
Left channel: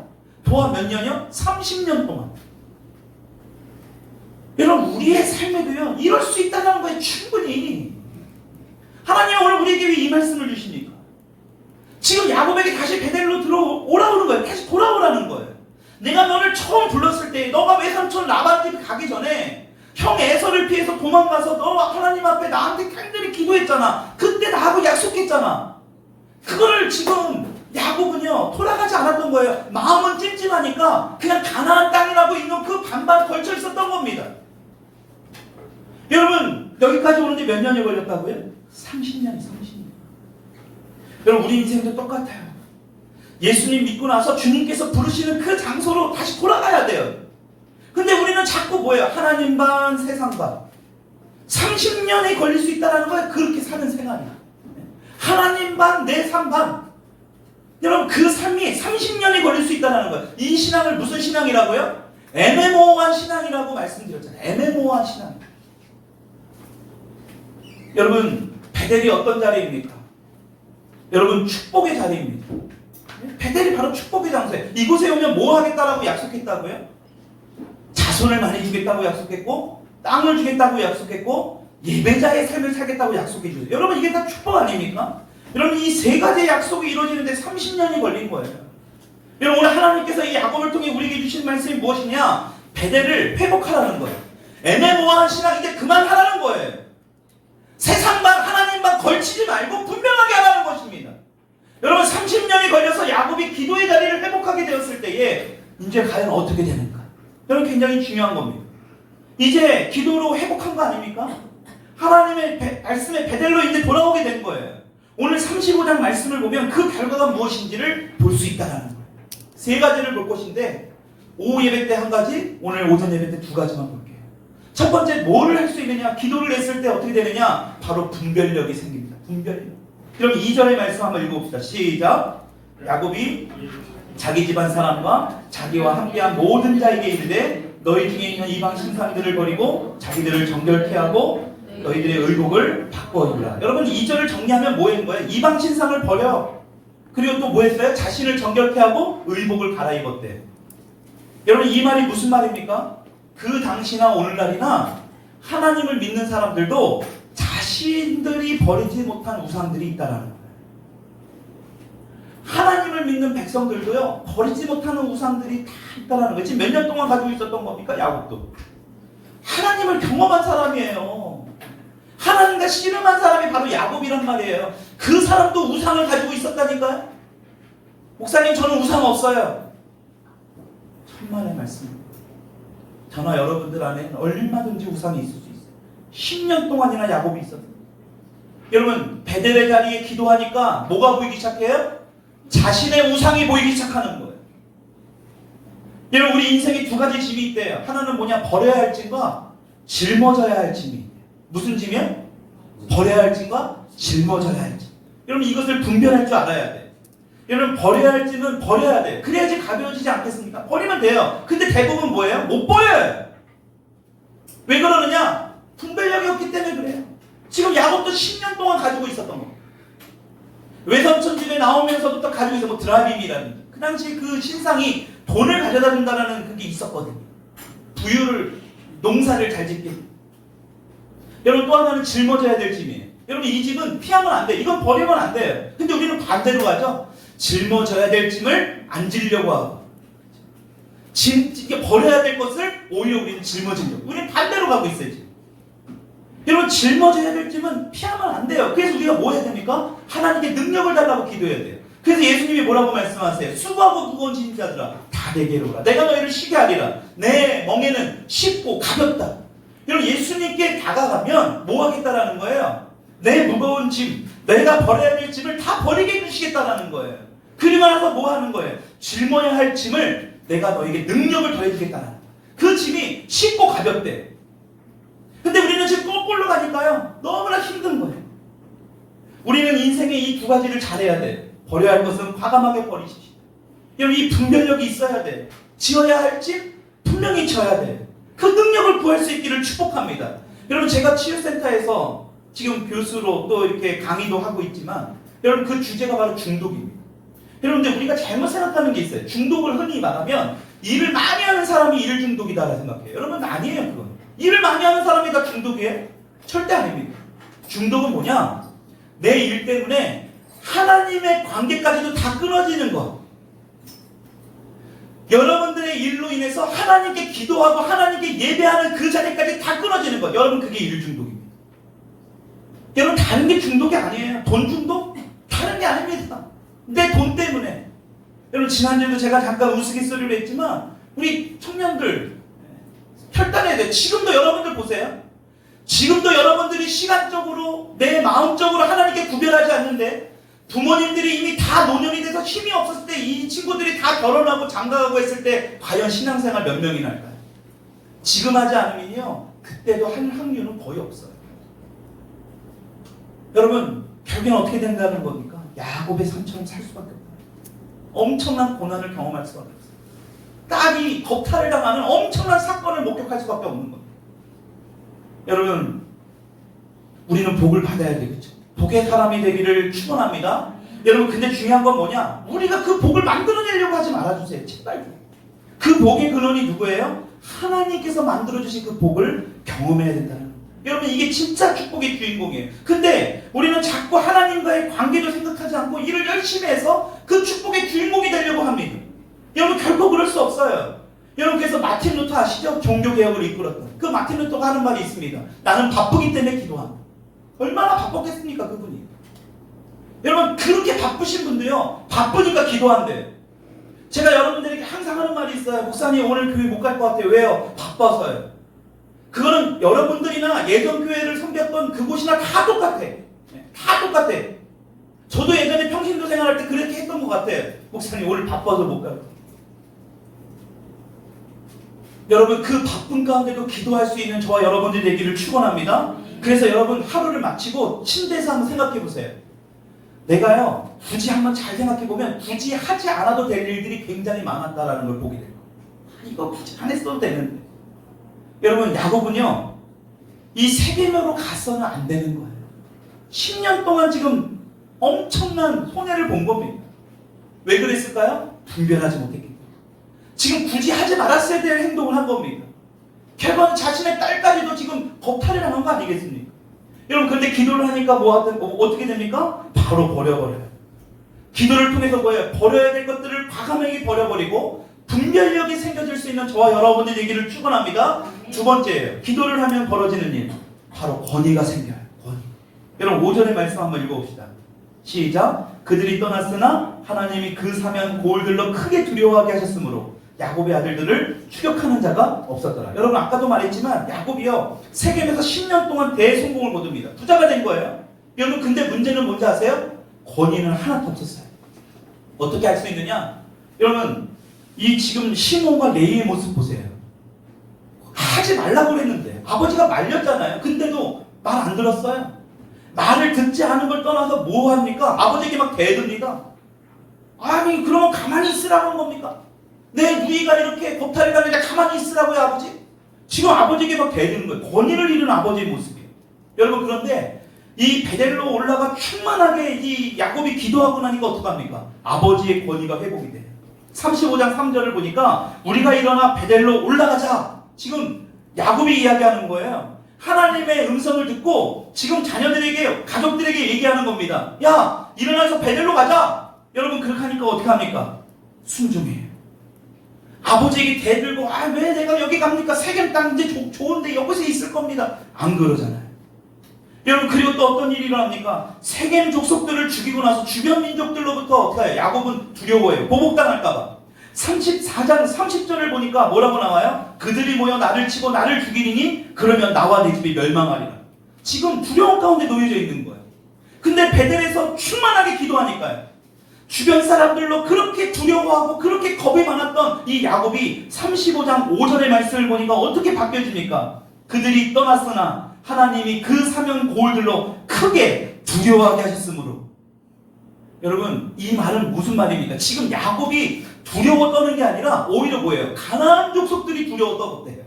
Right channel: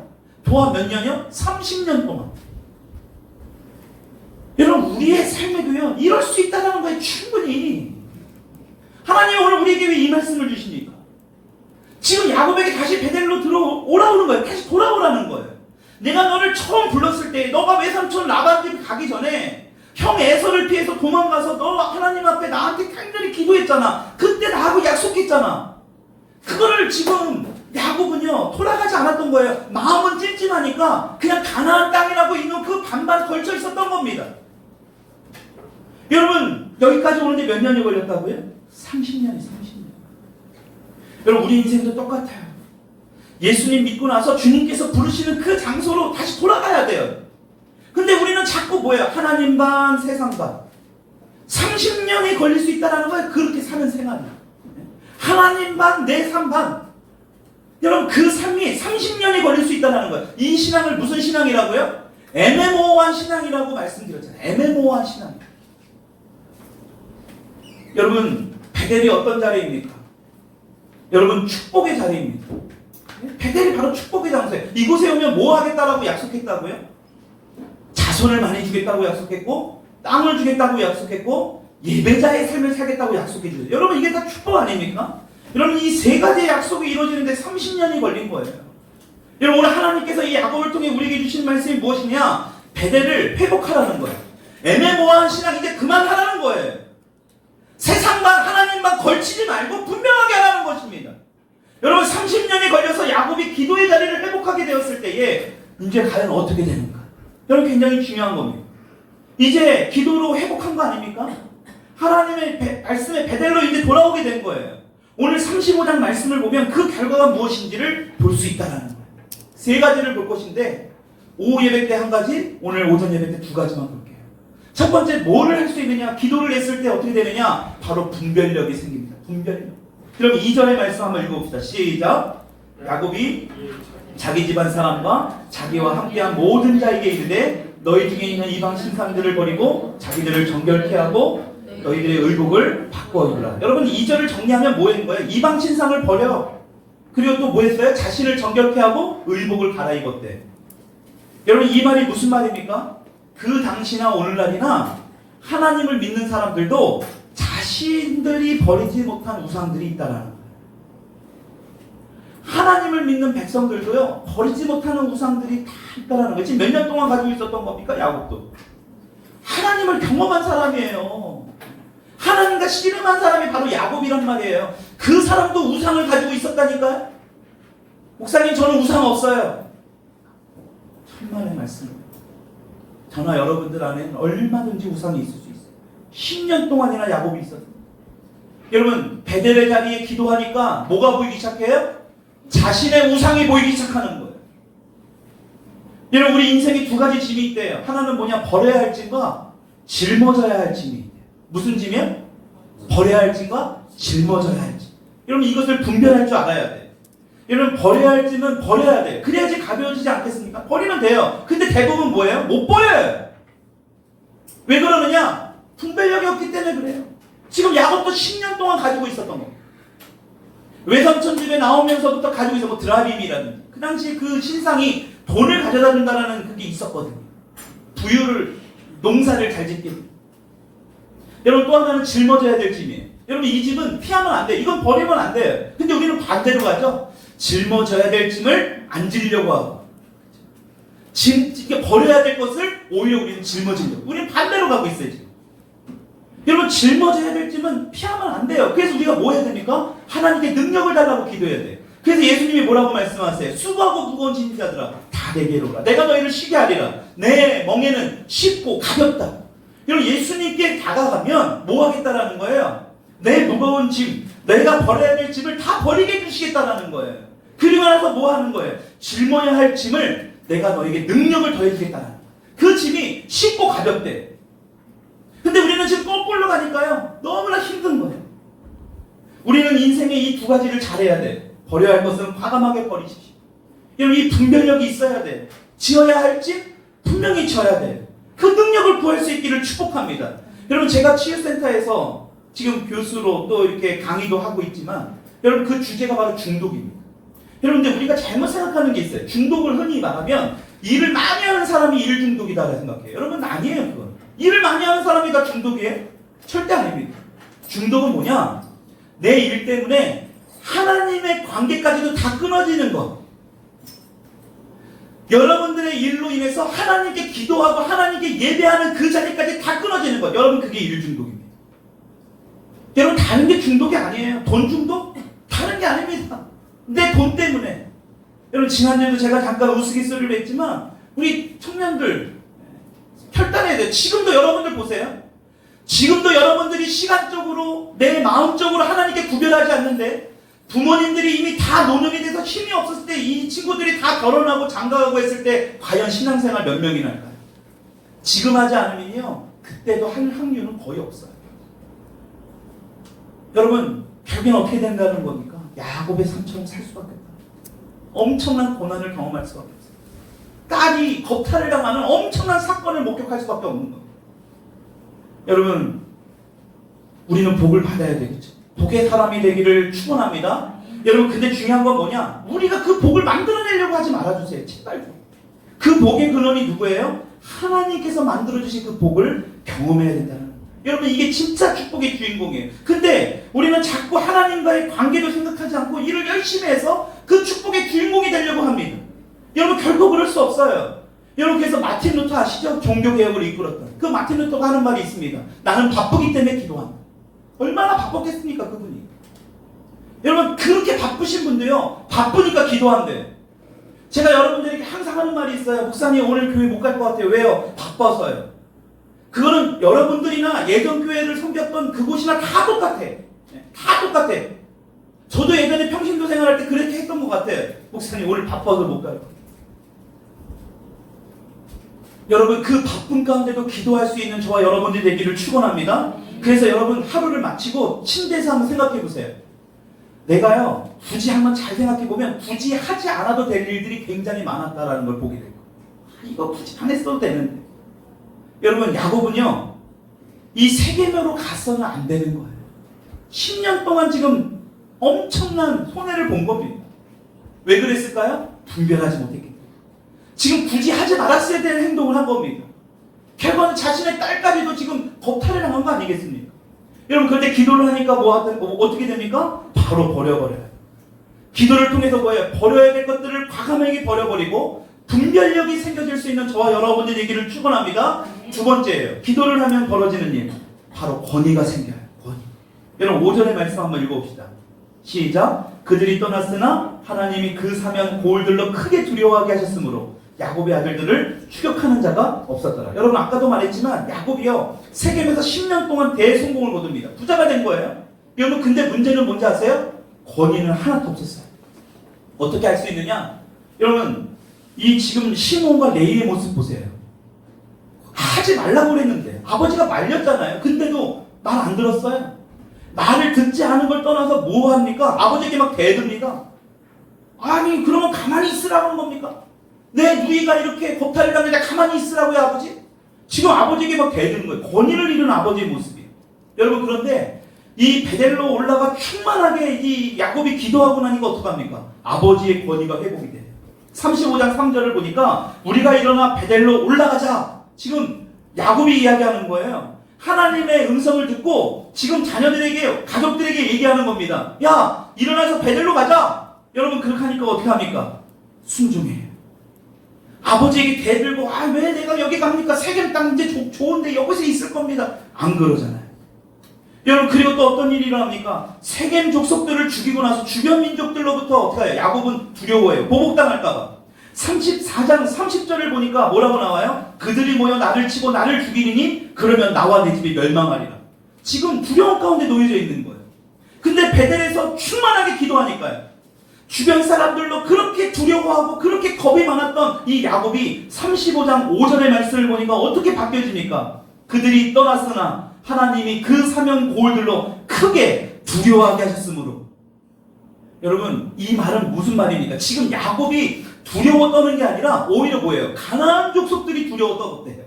또한 몇 년이요? 30년 동안. 여러분 우리의 삶에도요 이럴 수 있다는 거예요. 충분히. 하나님은 오늘 우리에게 왜 이 말씀을 주십니까? 지금 야곱에게 다시 베델로 오라오는 거예요. 다시 돌아오라는 거예요. 내가 너를 처음 불렀을 때 너가 외삼촌 라반 집에 가기 전에 형 에서를 피해서 도망가서 너 하나님 앞에 나한테 간절히 기도했잖아. 그때 나하고 약속했잖아. 그거를 지금 야곱은요 돌아가지 않았던 거예요. 마음은 찜찜하니까 그냥 가나안 땅이라고 있는 그 반반 걸쳐 있었던 겁니다. 여러분 여기까지 오는데 몇 년이 걸렸다고요? 30년이 30년. 여러분 우리 인생도 똑같아요. 예수님 믿고 나서 주님께서 부르시는 그 장소로 다시 돌아가야 돼요. 근데 우리는 자꾸 뭐예요? 하나님 반 세상 반. 30년이 걸릴 수 있다는 거예요. 그렇게 사는 생활이. 하나님 반 내 삶 반. 여러분 그 삶이 30년이 걸릴 수 있다는 거예요. 이 신앙을 무슨 신앙이라고요? 애매모호한 신앙이라고 말씀드렸잖아요. 애매모호한 신앙. 여러분 베델이 어떤 자리입니까? 여러분 축복의 자리입니다. 베델이 바로 축복의 장소예요. 이곳에 오면 뭐 하겠다라고 약속했다고요? 자손을 많이 주겠다고 약속했고 땅을 주겠다고 약속했고 예배자의 삶을 살겠다고 약속해 주세요. 여러분 이게 다 축복 아닙니까? 여러분 이 세 가지의 약속이 이루어지는데 30년이 걸린 거예요. 여러분 오늘 하나님께서 이 야곱을 통해 우리에게 주신 말씀이 무엇이냐? 베델을 회복하라는 거예요. 애매모호한 신앙 이제 그만하라는 거예요. 세상만 하나님만 걸치지 말고 분명하게 하라는 것입니다. 여러분 30년이 걸려서 야곱이 기도의 자리를 회복하게 되었을 때에 이제 과연 어떻게 되는가? 여러분 굉장히 중요한 겁니다. 이제 기도로 회복한 거 아닙니까? 하나님의 말씀의 베델로 이제 돌아오게 된 거예요. 오늘 35장 말씀을 보면 그 결과가 무엇인지를 볼 수 있다는 거예요. 세 가지를 볼 것인데 오후 예배 때 한 가지, 오늘 오전 예배 때 두 가지만 볼게요. 첫 번째, 뭐를 할 수 있느냐? 기도를 했을 때 어떻게 되느냐? 바로 분별력이 생깁니다. 분별력. 그럼 2절의 말씀 한번 읽어봅시다. 시작. 야곱이 자기 집안 사람과 자기와 함께한 모든 자에게 이르되 너희 중에 있는 이방 신상들을 버리고 자기들을 정결케 하고 너희들의 의복을 바꿔 입으라. 여러분 2절을 정리하면 뭐 했는 거예요? 이방 신상을 버려. 그리고 또 뭐 했어요? 자신을 정결케 하고 의복을 갈아입었대. 여러분 이 말이 무슨 말입니까? 그 당시나 오늘날이나 하나님을 믿는 사람들도 자신들이 버리지 못한 우상들이 있다라는 거예요. 하나님을 믿는 백성들도요, 버리지 못하는 우상들이 다 있다라는 거예요. 지금 몇 년 동안 가지고 있었던 겁니까? 야곱도. 하나님을 경험한 사람이에요. 하나님과 씨름한 사람이 바로 야곱이란 말이에요. 그 사람도 우상을 가지고 있었다니까요. 목사님 저는 우상 없어요. 천만의 말씀입니다. 저나 여러분들 안에는 얼마든지 우상이 있을 수 있어요. 10년 동안이나 야곱이 있었어요. 여러분 베델의 자리에 기도하니까 뭐가 보이기 시작해요? 자신의 우상이 보이기 시작하는 거예요. 여러분 우리 인생에 두 가지 짐이 있대요. 하나는 뭐냐? 버려야 할 짐과 짊어져야 할 짐이 있대요. 무슨 짐이에요? 버려야 할 짐과 짊어져야 할 짐. 여러분 이것을 분별할 줄 알아야 돼요. 여러분 버려야 할 짐은 버려야 돼요. 그래야지 가벼워지지 않겠습니까? 버리면 돼요. 근데 대부분 뭐예요? 못 버려요. 왜 그러느냐? 분별력이 없기 때문에 그래요. 지금 야곱도 10년 동안 가지고 있었던 겁니다. 외삼촌 집에 나오면서부터 가지고 있어. 뭐 드라빔이라든지 그 당시 그 신상이 돈을 가져다 준다라는 그게 있었거든요. 부유를 농사를 잘 짓게. 여러분 또 하나는 짊어져야 될 짐이에요. 여러분 이 짐은 피하면 안 돼. 이건 버리면 안 돼요. 근데 우리는 반대로 가죠. 짊어져야 될 짐을 안 지려고 하고 이게 버려야 될 것을 오히려 우리는 짊어지려고. 우리는 반대로 가고 있어요 지금. 여러분 짊어져야 될 짐은 피하면 안 돼요. 그래서 우리가 뭐 해야 됩니까? 하나님께 능력을 달라고 기도해야 돼요. 그래서 예수님이 뭐라고 말씀하세요? 수고하고 무거운 짐 자들아 다 내게로 오라. 내가 너희를 쉬게 하리라. 내 멍에는 쉽고 가볍다. 여러분 예수님께 다가가면 뭐 하겠다라는 거예요? 내 무거운 짐, 내가 버려야 될 짐을 다 버리게 해주시겠다라는 거예요. 그리고 나서 뭐 하는 거예요? 짊어야 할 짐을 내가 너에게 능력을 더해주겠다는 거예요. 그 짐이 쉽고 가볍대. 근데 우리는 지금 거꾸로 가니까요 너무나 힘든 거예요. 우리는 인생의 이 두 가지를 잘해야 돼. 버려야 할 것은 과감하게 버리십시오. 여러분 이 분별력이 있어야 돼. 지어야 할 짐 분명히 져야 돼. 그 능력을 구할 수 있기를 축복합니다. 여러분 제가 치유센터에서 지금 교수로 또 이렇게 강의도 하고 있지만 여러분 그 주제가 바로 중독입니다. 여러분들 우리가 잘못 생각하는 게 있어요. 중독을 흔히 말하면 일을 많이 하는 사람이 일 중독이다라고 생각해요. 여러분 아니에요 그건. 일을 많이 하는 사람이 다 중독이에요? 절대 아닙니다. 중독은 뭐냐? 내 일 때문에 하나님의 관계까지도 다 끊어지는 것. 여러분들의 일로 인해서 하나님께 기도하고 하나님께 예배하는 그 자리까지 다 끊어지는 것. 여러분 그게 일 중독입니다. 여러분 다른 게 중독이 아니에요. 돈 중독? 다른 게 아닙니다. 내 돈 때문에. 여러분 지난주에도 제가 잠깐 우스갯소리로 했지만 우리 청년들 결단해야 돼요. 지금도 여러분들 보세요. 지금도 여러분들이 시간적으로 내 마음적으로 하나님께 구별하지 않는데 부모님들이 이미 다 노년이 돼서 힘이 없었을 때 이 친구들이 다 결혼하고 장가가고 했을 때 과연 신앙생활 몇 명이나 할까요? 지금 하지 않으면요 그때도 할 확률은 거의 없어요. 여러분 결국엔 어떻게 된다는 겁니까? 야곱의 상처럼 살 수밖에 없다. 엄청난 고난을 경험할 수밖에 없어요. 딸이 겁탈을 당하는 엄청난 사건을 목격할 수밖에 없는 겁니다. 여러분 우리는 복을 받아야 되겠죠. 복의 사람이 되기를 축원합니다. 여러분 근데 중요한 건 뭐냐? 우리가 그 복을 만들어내려고 하지 말아주세요. 제발. 그 복의 근원이 누구예요? 하나님께서 만들어주신 그 복을 경험해야 된다는 거예요. 여러분 이게 진짜 축복의 주인공이에요. 근데 우리는 자꾸 하나님과의 관계도 생각하지 않고 일을 열심히 해서 그 축복의 주인공이 되려고 합니다. 여러분 결코 그럴 수 없어요. 여러분 그래서 마틴 루터 아시죠? 종교개혁을 이끌었던 그 마틴 루터가 하는 말이 있습니다. 나는 바쁘기 때문에 기도한다. 얼마나 바빴겠습니까 그분이. 여러분 그렇게 바쁘신 분도요 바쁘니까 기도한대. 제가 여러분들에게 항상 하는 말이 있어요. 목사님 오늘 교회 못 갈 것 같아요. 왜요? 바빠서요. 그거는 여러분들이나 예전 교회를 섬겼던 그곳이나 다 똑같아. 다 똑같아. 저도 예전에 평신도 생활할 때 그렇게 했던 것 같아요. 목사님 오늘 바빠서 못 가요. 여러분 그 바쁜 가운데도 기도할 수 있는 저와 여러분들 되기를 축원합니다. 그래서 여러분 하루를 마치고 침대에서 한번 생각해 보세요. 내가요 굳이 한번 잘 생각해 보면 굳이 하지 않아도 될 일들이 굉장히 많았다라는 걸 보게 돼요. 이거 굳이 안 했어도 되는데. 여러분 야곱은요 이 세계명으로 갔어는 안 되는 거예요. 10년 동안 지금 엄청난 손해를 본 겁니다. 왜 그랬을까요? 분별하지 못했기 때문에. 지금 굳이 하지 말았어야 될 행동을 한 겁니다. 결국은 자신의 딸까지도 지금 겁탈을 당한 거 아니겠습니까? 여러분 그런데 기도를 하니까 어떻게 됩니까? 바로 버려버려요. 기도를 통해서 뭐예요? 버려야 될 것들을 과감하게 버려버리고 분별력이 생겨질 수 있는 저와 여러분들 되기를 축원합니다. 두 번째예요. 기도를 하면 벌어지는 일. 바로 권위가 생겨요. 권위. 여러분 5절의 말씀 한번 읽어봅시다. 시작. 그들이 떠났으나 하나님이 그 사면 고을들로 크게 두려워하게 하셨으므로 야곱의 아들들을 추격하는 자가 없었더라. 여러분 아까도 말했지만 야곱이요 세겜에서 10년 동안 대성공을 거둡니다. 부자가 된 거예요. 여러분 근데 문제는 뭔지 아세요? 권위는 하나도 없었어요. 어떻게 알 수 있느냐? 여러분 이 지금 시몬과 레이의 모습 보세요. 하지 말라고 그랬는데 아버지가 말렸잖아요. 근데도 말 안 들었어요. 말을 듣지 않은 걸 떠나서 뭐 합니까? 아버지에게 막 대듭니다. 아니 그러면 가만히 있으라는 겁니까? 내 누이가 이렇게 겁탈을 당하는데 가만히 있으라고요 아버지? 지금 아버지에게 막 대드는 거예요. 권위를 잃은 아버지의 모습이에요. 여러분 그런데 이 베델로 올라가 충만하게 이 야곱이 기도하고 나니까 어떡합니까? 아버지의 권위가 회복이 돼요. 35장 3절을 보니까 우리가 일어나 베델로 올라가자. 지금 야곱이 이야기하는 거예요. 하나님의 음성을 듣고 지금 자녀들에게 가족들에게 얘기하는 겁니다. 야 일어나서 베델로 가자. 여러분 그렇게 하니까 어떻게 합니까? 순종해요. 아버지에게 대들고 왜 내가 여기 갑니까? 세겜 땅 이제 좋은데 여기서 있을 겁니다. 안 그러잖아요. 여러분 그리고 또 어떤 일이 일어납니까? 세겜 족속들을 죽이고 나서 주변 민족들로부터 어떻게 해요? 야곱은 두려워해요. 보복당할까봐. 34장 30절을 보니까 뭐라고 나와요? 그들이 모여 나를 치고 나를 죽이리니 그러면 나와 내 집이 멸망하리라. 지금 두려움 가운데 놓여져 있는 거예요. 근데 베델에서 충만하게 기도하니까요. 주변 사람들로 그렇게 두려워하고 그렇게 겁이 많았던 이 야곱이 35장 5절의 말씀을 보니까 어떻게 바뀌어지니까? 그들이 떠났으나 하나님이 그 사명 고을들로 크게 두려워하게 하셨으므로. 여러분 이 말은 무슨 말입니까? 지금 야곱이 두려워 떠는 게 아니라 오히려 뭐예요? 가나안 족속들이 두려워 떠었대요.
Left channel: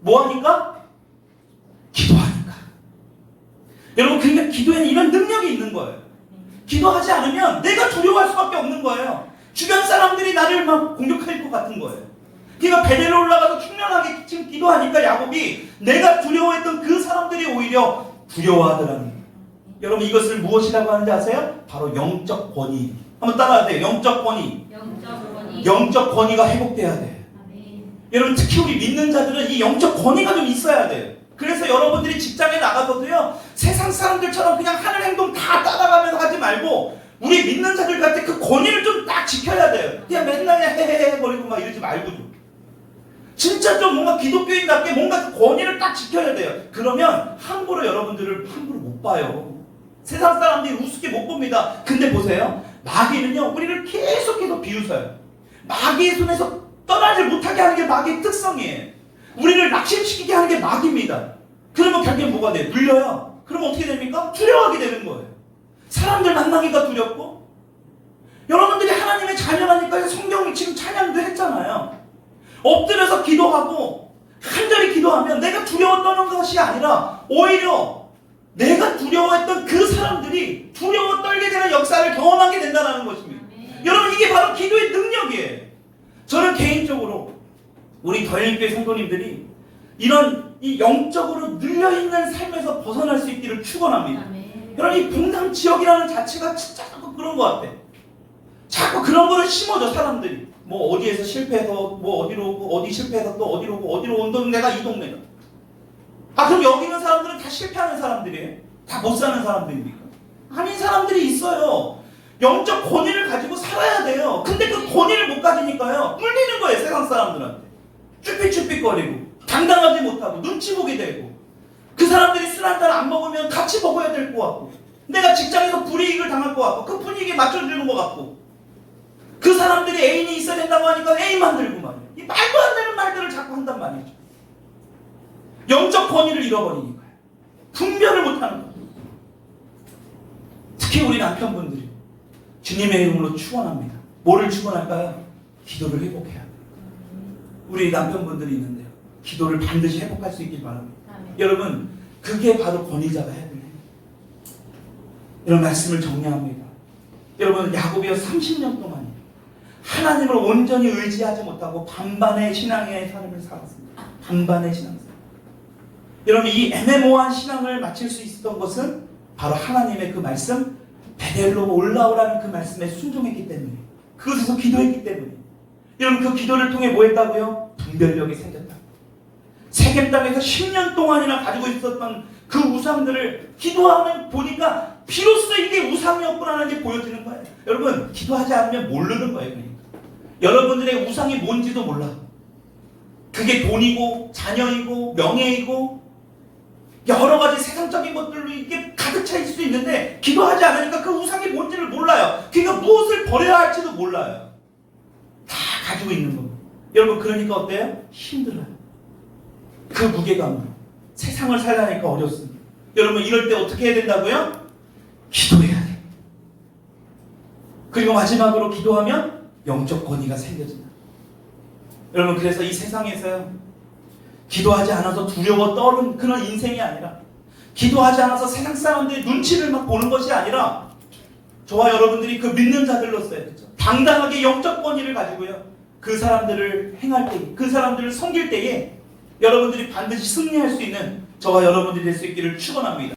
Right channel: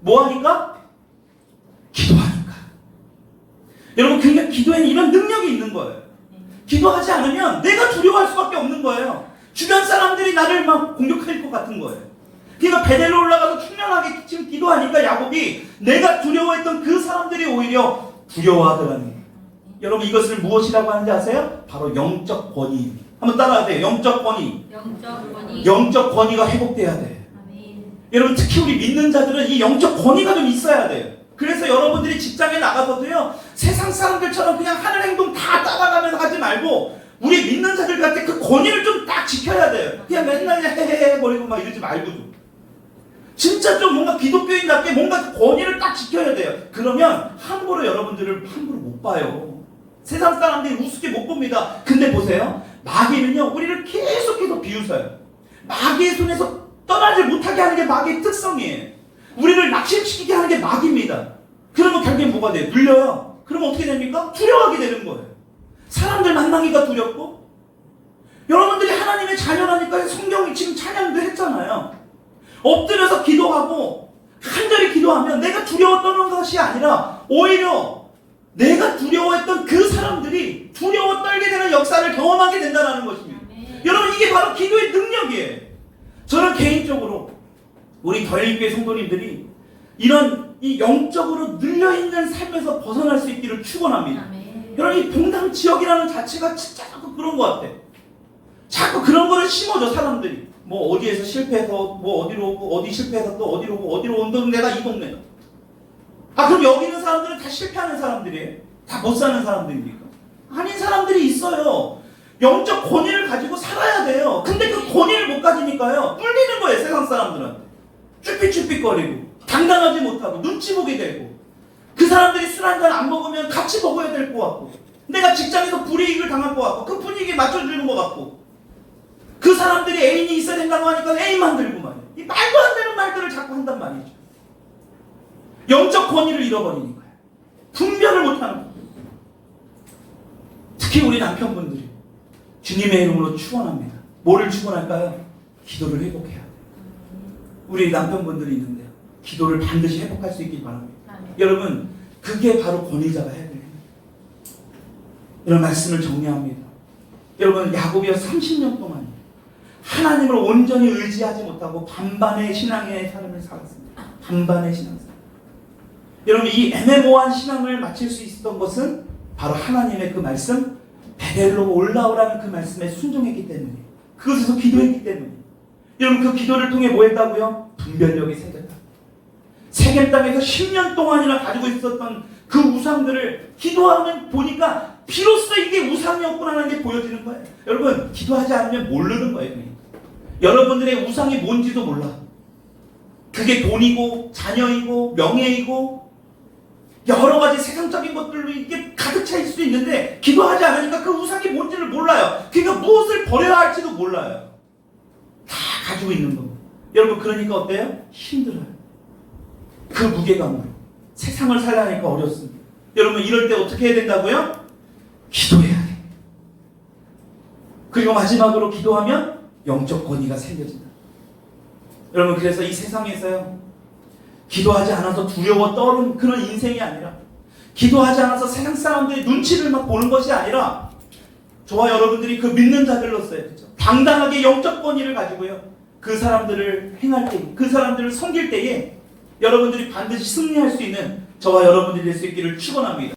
뭐 하니까? 기도하니까. 여러분 그러니까 기도에는 이런 능력이 있는 거예요. 기도하지 않으면 내가 두려워할 수밖에 없는 거예요. 주변 사람들이 나를 막 공격할 것 같은 거예요. 그러니까 베델로 올라가서 충만하게 지금 기도하니까 야곱이 내가 두려워했던 그 사람들이 오히려 두려워하더라니. 여러분 이것을 무엇이라고 하는지 아세요? 바로 영적 권위. 한번 따라야 돼요. 영적 권위. 영적 권위가 회복돼야 돼요. 여러분 특히 우리 믿는 자들은 이 영적 권위가 좀 있어야 돼요. 그래서 여러분들이 직장에 나가서도요 세상 사람들처럼 그냥 하는 행동 다 따라가면서 하지 말고 우리 믿는 자들한테 그 권위를 좀 딱 지켜야 돼요. 그냥 맨날 헤헤헤 버리고 막 이러지 말고 진짜 좀 뭔가 기독교인답게 뭔가 그 권위를 딱 지켜야 돼요. 그러면 함부로 여러분들을 함부로 못 봐요. 세상 사람들이 우습게 못 봅니다. 근데 보세요. 마귀는요 우리를 계속해서 비웃어요. 마귀의 손에서 떠나지 못하게 하는 게 마귀의 특성이에요. 우리를 낙심시키게 하는 게 마귀입니다. 그러면 결국엔 뭐가 돼요? 눌려요. 그러면 어떻게 됩니까? 두려워하게 되는 거예요. 사람들 만나기가 두렵고. 여러분들이 하나님의 자녀라니까 성경이 지금 찬양도 했잖아요. 엎드려서 기도하고 간절히 기도하면 내가 두려워 떠는 것이 아니라 오히려 내가 두려워했던 그 사람들이 두려워 떨게 되는 역사를 경험하게 된다는 것입니다. 여러분 이게 바로 기도의 능력이에요. 저는 개인적으로 우리 덜림교회 성도님들이 이런 이 영적으로 눌려있는 삶에서 벗어날 수 있기를 축원합니다. 그런 이 봉당 지역이라는 자체가 진짜 자꾸 그런 것 같아. 자꾸 그런 거를 심어줘 사람들이. 뭐 어디에서 실패해서 뭐 어디로 오고 어디 실패해서 또 어디로 오고 어디로 온 동네가 이 동네가. 그럼 여기 있는 사람들은 다 실패하는 사람들이에요? 다 못 사는 사람들입니까? 아닌 사람들이 있어요. 영적 권위를 가지고 살아야 돼요. 근데 그 권위를 못 가지니까요 뚫리는 거예요 세상 사람들한테. 쭈삣쭈삣거리고 당당하지 못하고 눈치 보게 되고 그 사람들이 술 한잔 안 먹으면 같이 먹어야 될 것 같고 내가 직장에서 불이익을 당할 것 같고 그 분위기에 맞춰주는 것 같고 그 사람들이 애인이 있어야 된다고 하니까 애인만 들고 말이야. 이 말도 안 되는 말들을 자꾸 한단 말이죠. 영적 권위를 잃어버리니까요. 분별을 못하는 거예요. 특히 우리 남편분들이 주님의 이름으로 축원합니다. 뭐를 축원할까요? 기도를 회복해야 돼요. 우리 남편분들이 있는데요. 기도를 반드시 회복할 수 있길 바랍니다. 여러분 그게 바로 권위자가 해야 돼요. 이런 말씀을 정리합니다. 여러분 야곱이요 30년 동안 하나님을 온전히 의지하지 못하고 반반의 신앙의 삶을 살았습니다. 반반의 신앙생활. 여러분 이 애매모호한 신앙을 마칠 수 있었던 것은 바로 하나님의 그 말씀 베델로 올라오라는 그 말씀에 순종했기 때문이에요. 그것에서 기도했기 때문이에요. 여러분 그 기도를 통해 뭐 했다고요? 분별력이 생겼다. 세겜 땅에서 10년 동안이나 가지고 있었던 그 우상들을 기도하면 보니까 비로소 이게 우상이었구나 하는 게 보여지는 거예요. 여러분 기도하지 않으면 모르는 거예요. 그러니까. 여러분들의 우상이 뭔지도 몰라. 그게 돈이고 자녀이고 명예이고 여러 가지 세상적인 것들로 이게 가득 차 있을 수 있는데 기도하지 않으니까 그 우상이 뭔지를 몰라요. 그러니까 무엇을 버려야 할지도 몰라요. 다 가지고 있는 거고. 여러분 그러니까 어때요? 힘들어요. 그 무게감으로 세상을 살려니까 어렵습니다. 여러분 이럴 때 어떻게 해야 된다고요? 기도해야 돼요. 그리고 마지막으로 기도하면 영적 권위가 생겨진다. 여러분 그래서 이 세상에서요 기도하지 않아서 두려워 떠는 그런 인생이 아니라 기도하지 않아서 세상 사람들의 눈치를 막 보는 것이 아니라 저와 여러분들이 그 믿는 자들로서요 그렇죠? 당당하게 영적 권위를 가지고요 그 사람들을 행할 때, 그 사람들을 섬길 때에 여러분들이 반드시 승리할 수 있는 저와 여러분들이 될 수 있기를 축원합니다.